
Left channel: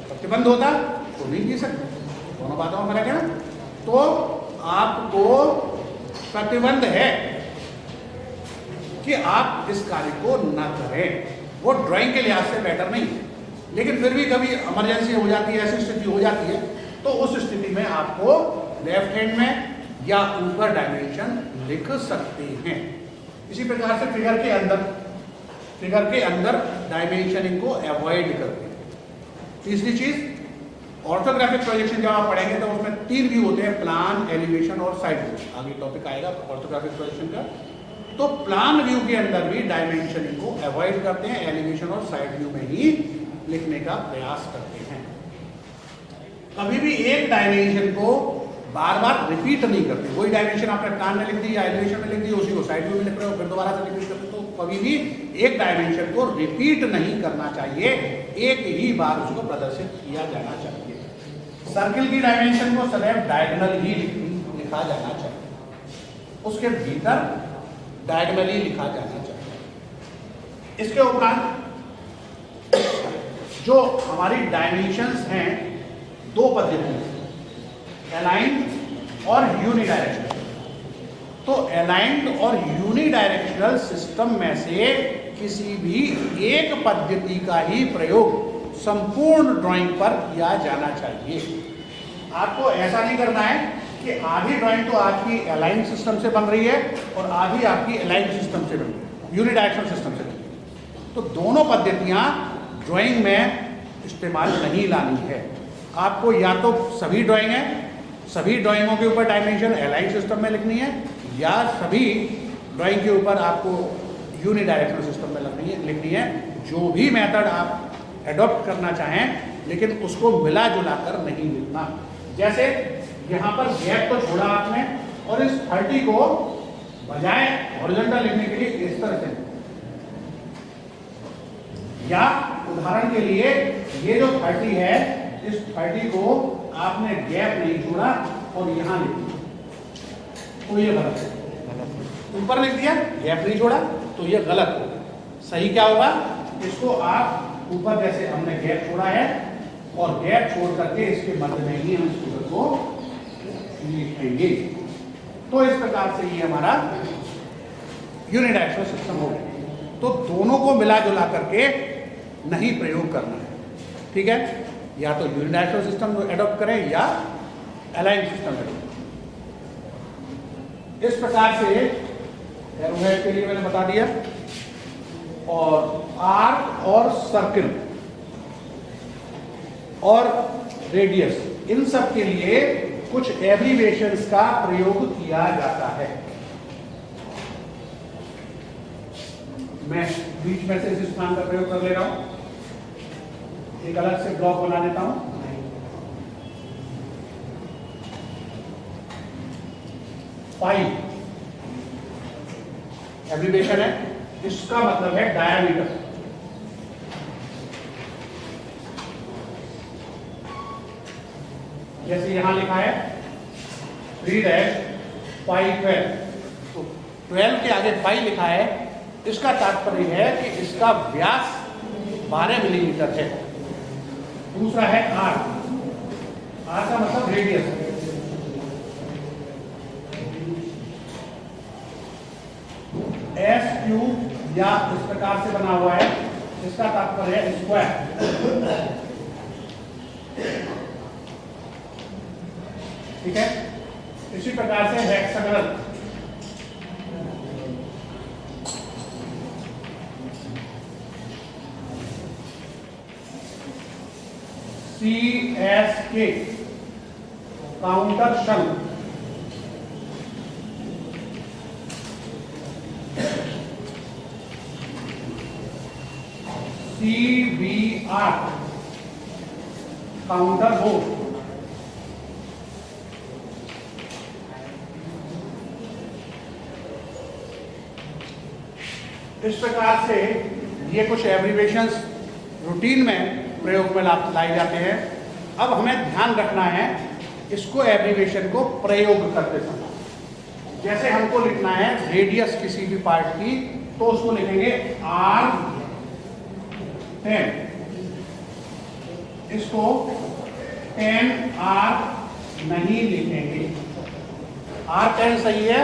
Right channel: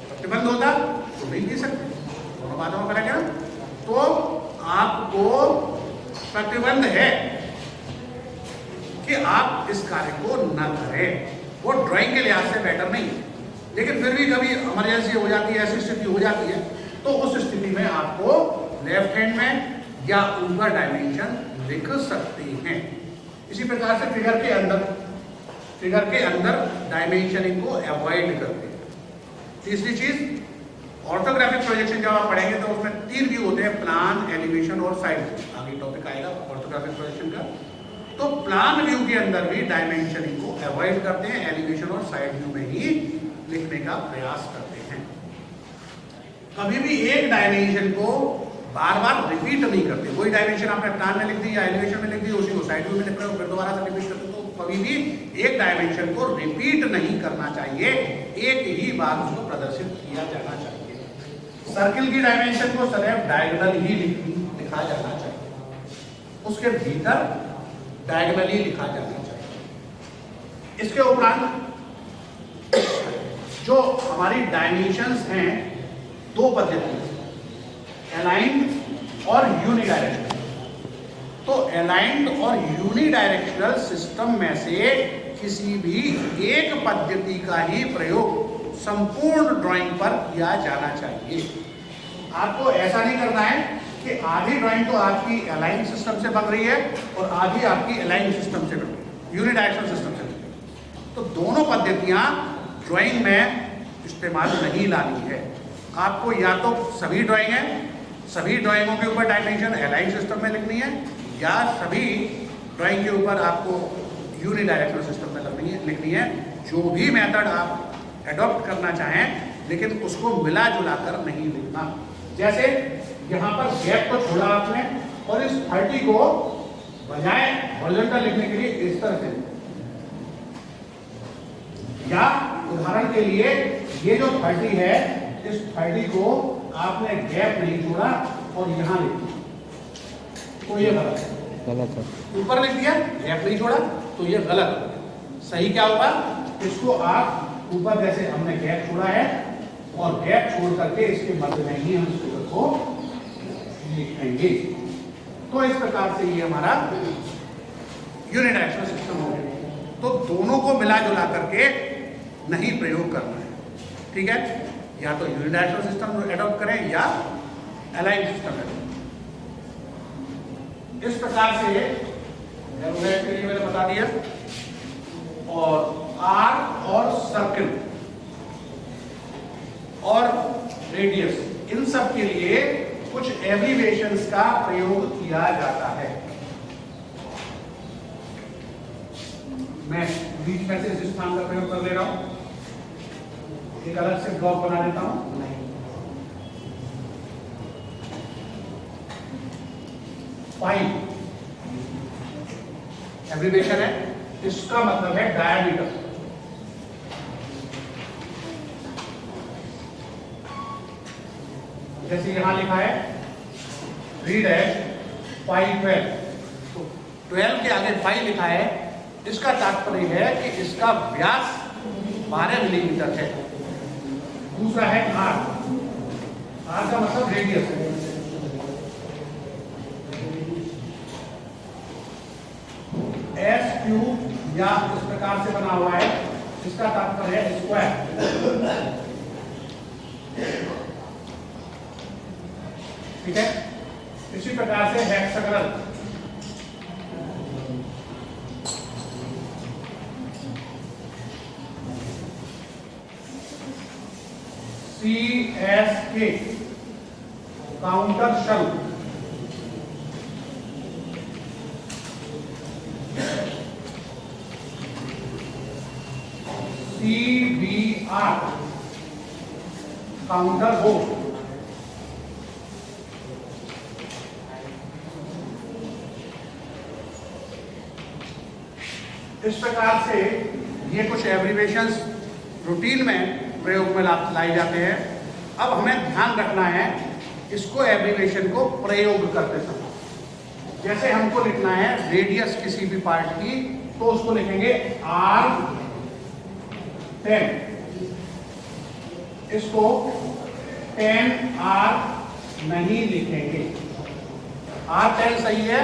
प्रतिबंध होता तो नहीं पी सकते, दोनों बातों में फर्क है ना। तो आपको प्रतिबंध है कि आप इस कार्य को न करें। वो ड्राइंग के लिहाज से बेटर नहीं है, लेकिन फिर भी कभी इमरजेंसी हो जाती है, ऐसी स्थिति हो जाती है, तो उस स्थिति में आपको लेफ्ट हैंड में या ऊपर डायमेंशन लिख सकते हैं। इसी प्रकार से फिगर के अंदर डायमेंशनिंग को अवॉइड करते हैं। तीसरी चीज, ऑर्थोग्राफिक प्रोजेक्शन जब आप पढ़ेंगे तो उसमें 3 व्यू होते हैं, प्लान, एलिवेशन और साइड व्यू। आगे टॉपिक आएगा ऑर्थोग्राफिक प्रोजेक्शन का। तो प्लान व्यू के अंदर भी डायमेंशनिंग को अवॉइड करते हैं, एलिवेशन और साइड व्यू में ही लिखने का प्रयास करते हैं। कभी भी एक डायमेंशन को बार बार रिपीट नहीं करते। वही डायमेंशन आपने प्लान में लिख दी या एलिवेशन में लिख दी, उसी को साइड व्यू में लिख रहे हो, फिर दोबारा से रिपीट करते। तो कभी भी एक डायमेंशन को रिपीट नहीं करना चाहिए, एक ही बार उसको प्रदर्शित किया जाना चाहिए। सर्किल की डायमेंशन को सदैव डायगोनल ही लिखा जाना चाहिए, उसके भीतर डायगोनली लिखा जाना चाहिए। इसके उपरांत जो हमारी डायमेंशंस हैं, 2 पद्धतियां, अलाइंड और यूनिडायरेक्शनल। तो अलाइंड और यूनिडायरेक्शनल सिस्टम में से किसी भी एक पद्धति का ही प्रयोग संपूर्ण ड्राइंग पर किया जाना चाहिए। आपको ऐसा नहीं करना है कि आधी ड्राइंग तो आपकी अलाइन सिस्टम से बन रही है और आधी आपकी अलाइन सिस्टम से बन रही है, यूनिडायरेक्शनल सिस्टम से बन रही है। तो दोनों पद्धतियां ड्राइंग में इस्तेमाल नहीं लानी है। आपको या तो सभी ड्राइंग है, सभी ड्राइंगों के ऊपर डायमेंशन अलाइन सिस्टम में लिखनी है, या सभी ड्राइंग के ऊपर आपको यूनिडायरेक्शनल सिस्टम में लिखनी है। जो भी मेथड आप एडॉप्ट करना चाहें, लेकिन उसको मिला जुला कर नहीं लिखना। जैसे यहां पर गैप को छोड़ा आपने और इस 30 को बजाय हॉरिजॉन्टल लिखने के लिए इस तरह से, या उदाहरण के लिए ये जो 30 है, इस 30 को आपने गैप नहीं छोड़ा और यहां लिख दिया, तो ये गलत है। ऊपर लिख दिया, गैप नहीं छोड़ा, तो ये गलत है। सही क्या होगा, इसको आप ऊपर जैसे हमने गैप छोड़ा है और गैप छोड़ करके इसके मध्य में ही हम फिगर को लिखेंगे। तो इस प्रकार से ये हमारा यूनिडायरेक्शनल सिस्टम हो गया। तो दोनों को मिला जुला करके नहीं प्रयोग करना है, ठीक है। या तो यूनिडायरेक्शनल सिस्टम एडॉप्ट करें या अलाइन सिस्टम एडॉप्ट। इस प्रकार से के लिए मैंने बता दिया। और आर्क और सर्किल और रेडियस, इन सब के लिए कुछ एब्रीविएशंस का प्रयोग किया जाता है। मैं बीच में से इस स्थान का प्रयोग कर ले रहा हूं, एक अलग से ब्लॉक बना देता हूं। पाई एब्रीविएशन है, इसका मतलब है डायमीटर। जैसे यहां लिखा है 3-पाई12, तो 12 के आगे पाई लिखा है, इसका तात्पर्य है कि इसका व्यास 12 मिलीमीटर है। दूसरा है आर, आर का मतलब रेडियस है। एस क्यूब या इस प्रकार से बना हुआ है, इसका तात्पर्य है स्क्वायर। ठीक है, इसी प्रकार से हेक्सागोनल, CSK काउंटर शंख, CBR काउंटर बोर्ड, इस प्रकार से ये कुछ एब्रीविएशंस रूटीन में प्रयोग में लाए जाते हैं। अब हमें ध्यान रखना है इसको एब्रीविएशन को प्रयोग करते समय। जैसे हमको लिखना है रेडियस किसी भी पार्ट की, तो उसको लिखेंगे R10, इसको 10R नहीं लिखेंगे। R10 सही है,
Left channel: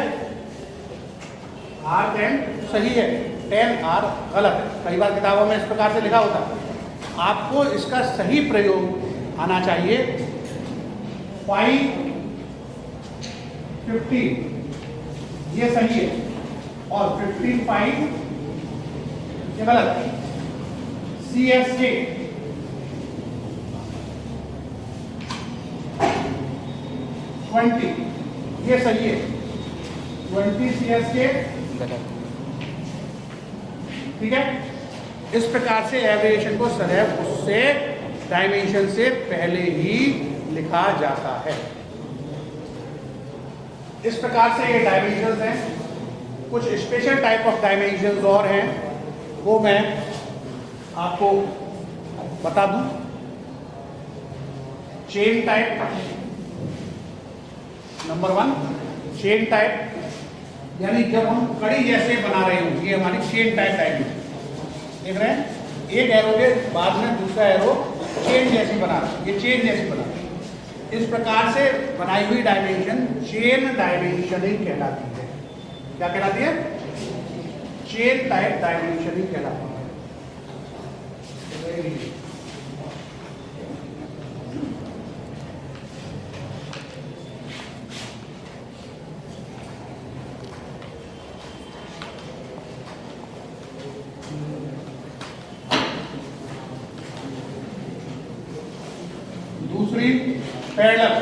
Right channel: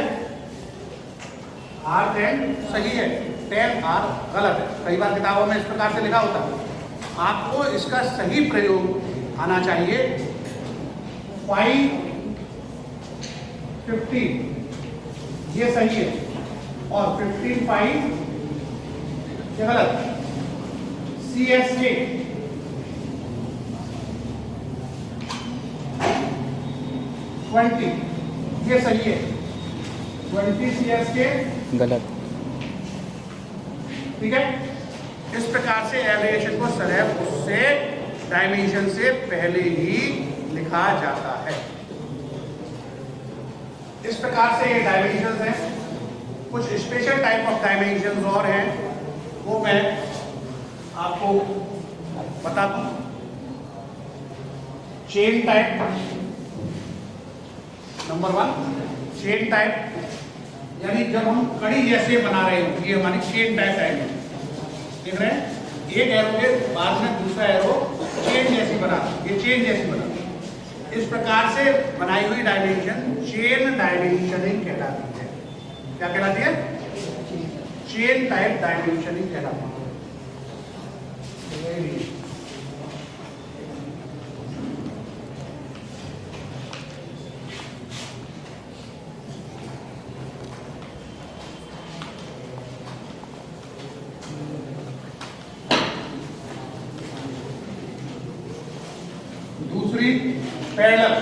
R10 सही है, 10R गलत है। कई बार किताबों में इस प्रकार से लिखा होता है। आपको इसका सही प्रयोग आना चाहिए। 5-15 ये सही है, और 15-5 ये गलत है। CSK 20 ये सही है, 20 CSK गलत। ठीक है, इस प्रकार से एब्रीविएशन को सदैव उससे डायमेंशन से पहले ही लिखा जाता है। इस प्रकार से ये डायमेंशंस हैं। कुछ स्पेशल टाइप ऑफ डायमेंशंस और हैं, वो मैं आपको बता दूं। Chain type number 1, chain type यानी जब हम कड़ी जैसे बना रहे हो, ये हमारी चेन टाइप डायमेंशन। देख रहे हैं, एक एरो के बाद में दूसरा एरो चेन जैसी बना, ये चेन जैसी बना। इस प्रकार से बनाई हुई डायमेंशन चेन डायमेंशनिंग कहलाती है। क्या कहलाती है? चेन टाइप डायमेंशनिंग कहलाती है। दूसरी पैरेलल,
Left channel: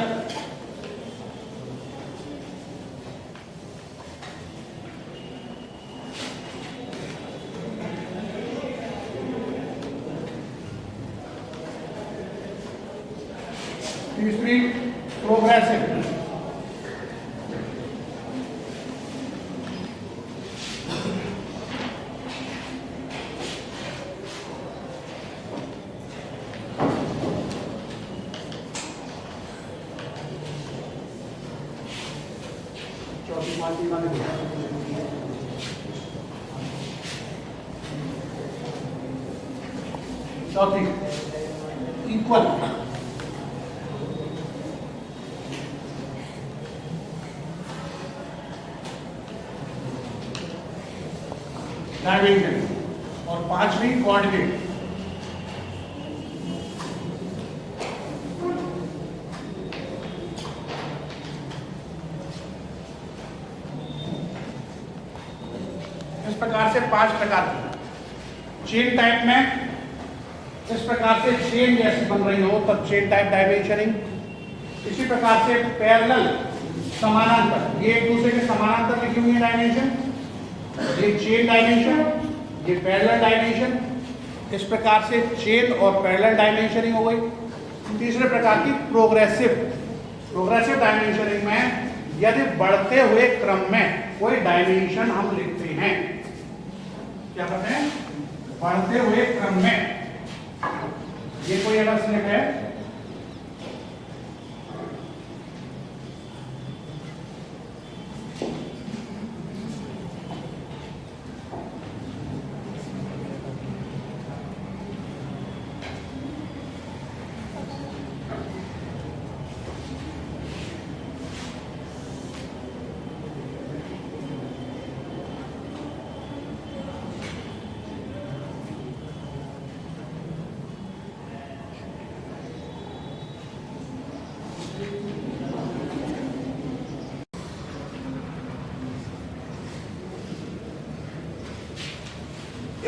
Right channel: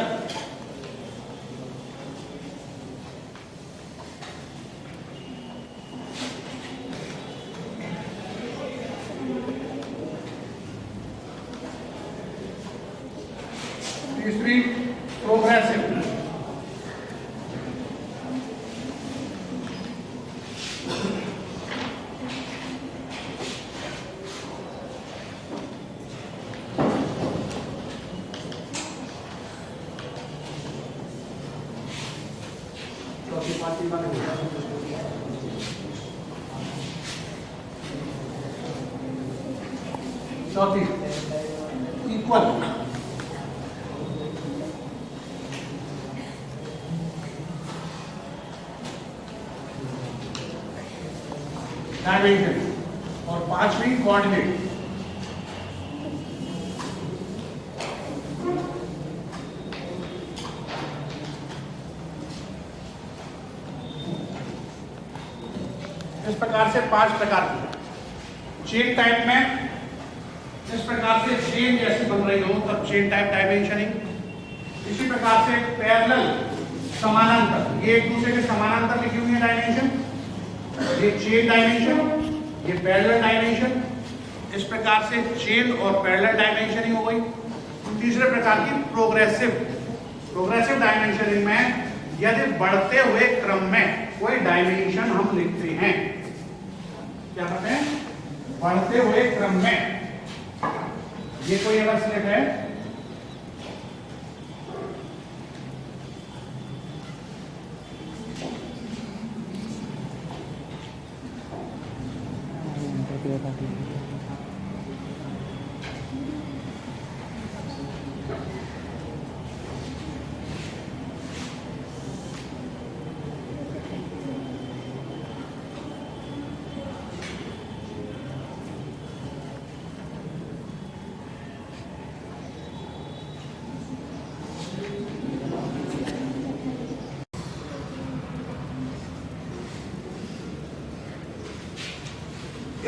तीसरी प्रोग्रेसिव, चौथी इक्वल, डायमेंशन, और पांचवी कोऑर्डिनेट। इस प्रकार से 5 प्रकार की चेन टाइप में इस प्रकार से चेन जैसी बन रही हो तब चेन टाइप डायमेंशनिंग। इसी प्रकार से पैरेलल समानांतर, ये एक दूसरे के समानांतर लिखी हुई है डायमेंशन, ये चेन डायमेंशन, ये पैरेलल डायमेंशन। इस प्रकार से चेन और पैरेलल डायमेंशन ही हो गई। तीसरे प्रकार की प्रोग्रेसिव डायमेंशनिंग में यदि बढ़ते हुए क्रम में कोई डायमेंशन हम लिखते हैं, क्या कहते हैं, बढ़ते हुए क्रम में, ये कोई अगर स्लिप है,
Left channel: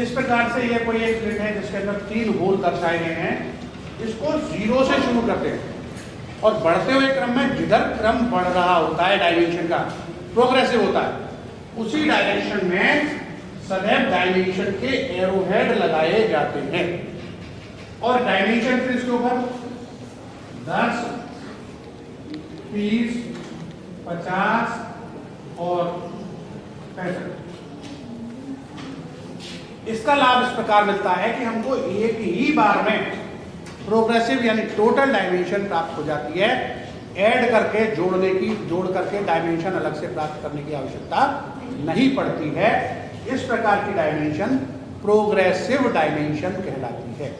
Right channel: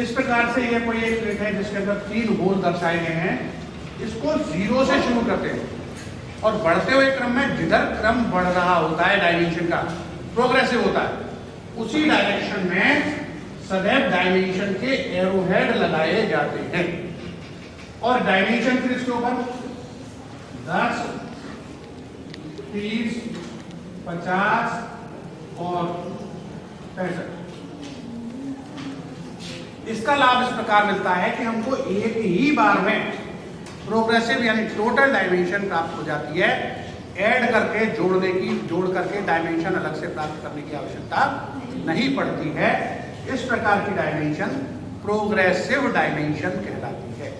इस प्रकार से ये कोई एक प्लेट है जिसके अंदर 3 होल दर्शाए गए हैं। इसको 0 से शुरू करते हैं और बढ़ते हुए क्रम में जिधर क्रम बढ़ रहा होता है डायमेंशन का, प्रोग्रेसिव होता है, उसी डायरेक्शन में सदैव डायमेंशन के एरोहेड लगाए जाते हैं। और डायमेंशन फिर इसके ऊपर 10, 30, 50 और 65। इसका लाभ इस प्रकार मिलता है कि हमको एक ही बार में प्रोग्रेसिव यानी टोटल डायमेंशन प्राप्त हो जाती है। ऐड करके जोड़ करके डायमेंशन अलग से प्राप्त करने की आवश्यकता नहीं पड़ती है। इस प्रकार की डायमेंशन प्रोग्रेसिव डायमेंशन कहलाती है।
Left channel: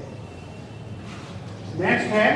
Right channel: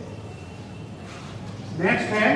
नेक्स्ट है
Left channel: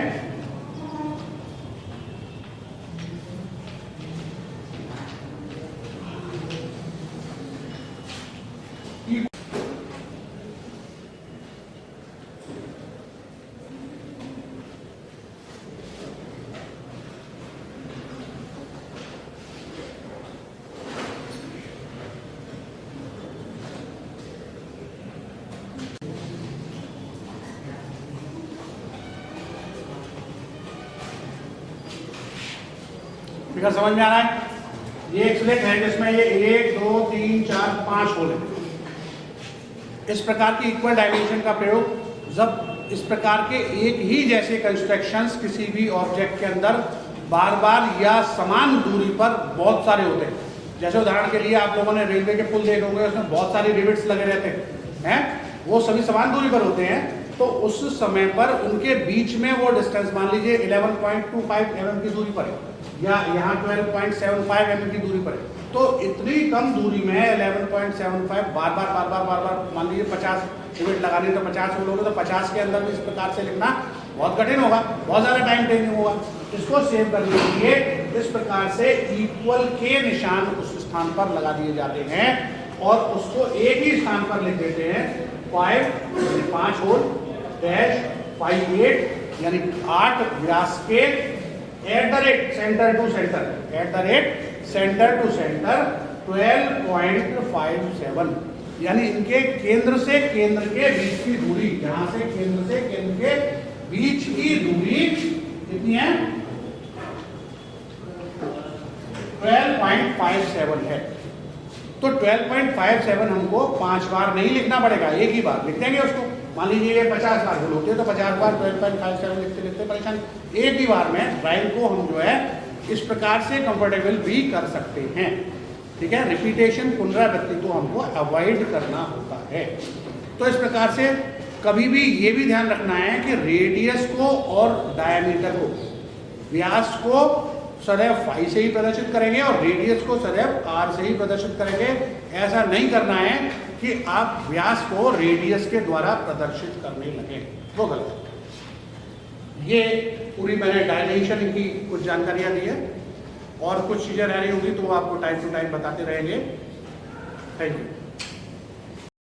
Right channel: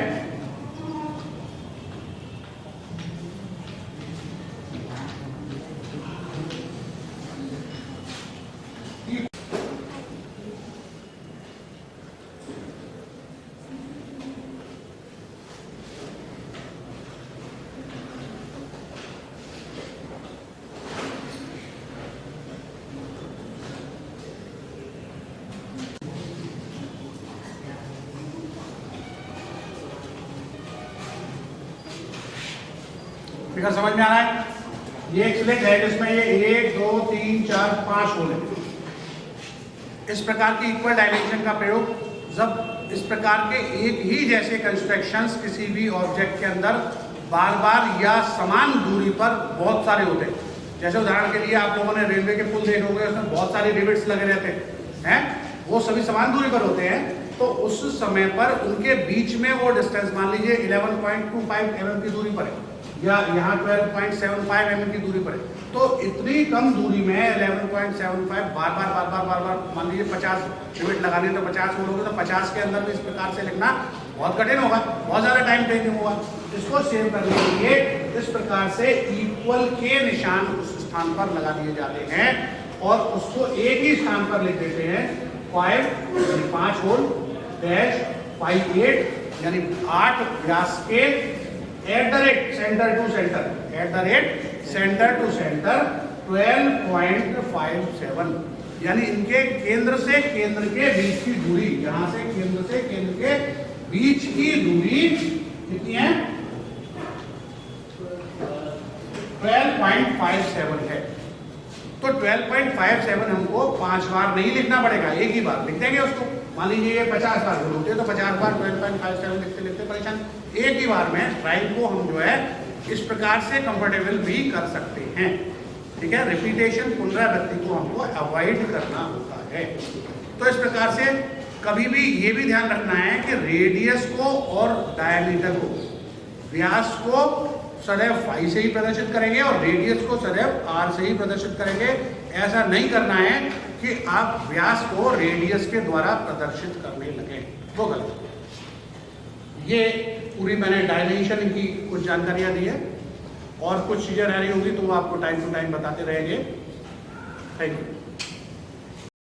फिगर समझ में आ रहा है। ये एक स्लिट है जिसमें ये 1, 2, 3, 4, 5 होल है। इस प्रकार की इक्वल डायमेंशन का प्रयोग जब इस प्रकार के एक ही जैसे कंस्ट्रक्शंस किसी भी ऑब्जेक्ट के अंदर बार बार या समान दूरी पर बहुत सारे होते हैं, जैसे उदाहरण के लिए आप लोगों ने रेलवे के पुल देखे होंगे, उसमें बहुत सारे रिविट्स लगे रहते हैं, वो सभी समान दूरी पर होते हैं। तो उस समय पर उनके बीच में वो डिस्टेंस मान लीजिए 11.25 mm की दूरी पर है या यहाँ 12.75 mm की दूरी पर है। तो इतनी कम दूरी में 11.75 बार बार मान लीजिए 50 रिविट लगाने तो 50 होल होंगे, तो 50 के अंदर भी इस प्रकार से लिखना बहुत कठिन होगा, बहुत ज्यादा टाइम टेकिंग होगा। इसको सेव करने के लिए इस प्रकार से इक्वल के निशान उस स्थान पर लगा दिए जाते हैं और उसको एक ही स्थान पर लिख देते हैं 5 होल डैश 58 यानी 8 व्यास के सेंटर टू सेंटर 12.57 यानी इनके केंद्र से केंद्र के बीच की दूरी, यहां से केंद्र के बीच की दूरी कितनी है 12.57 है। तो 12.57 हमको 5 बार नहीं लिखना पड़ेगा, एक ही बार लिख देंगे उसको। मान लीजिए ये 50 बार होल होती है तो 50 बार 12.57 लिखते लिखते परेशान, एक ही बार में ड्राइंग को हम जो है इस प्रकार से कंफर्टेबल भी कर सकते हैं। ठीक है, रिपीटेशन पुनरावृत्ति को हमको अवॉइड करना होता है। तो इस प्रकार से कभी भी ये भी ध्यान रखना है कि रेडियस को और डायमीटर को, व्यास को सदैव फाई से ही प्रदर्शित करेंगे और रेडियस को सदैव आर से ही प्रदर्शित करेंगे। ऐसा नहीं करना है कि आप व्यास को रेडियस के द्वारा प्रदर्शित करने लगे, वो गलत है। ये पूरी मैंने डायमेंशन की कुछ जानकारियां दी है और कुछ चीजें रह रही होंगी तो वो आपको टाइम टू टाइम बताते रहेंगे। Thank you.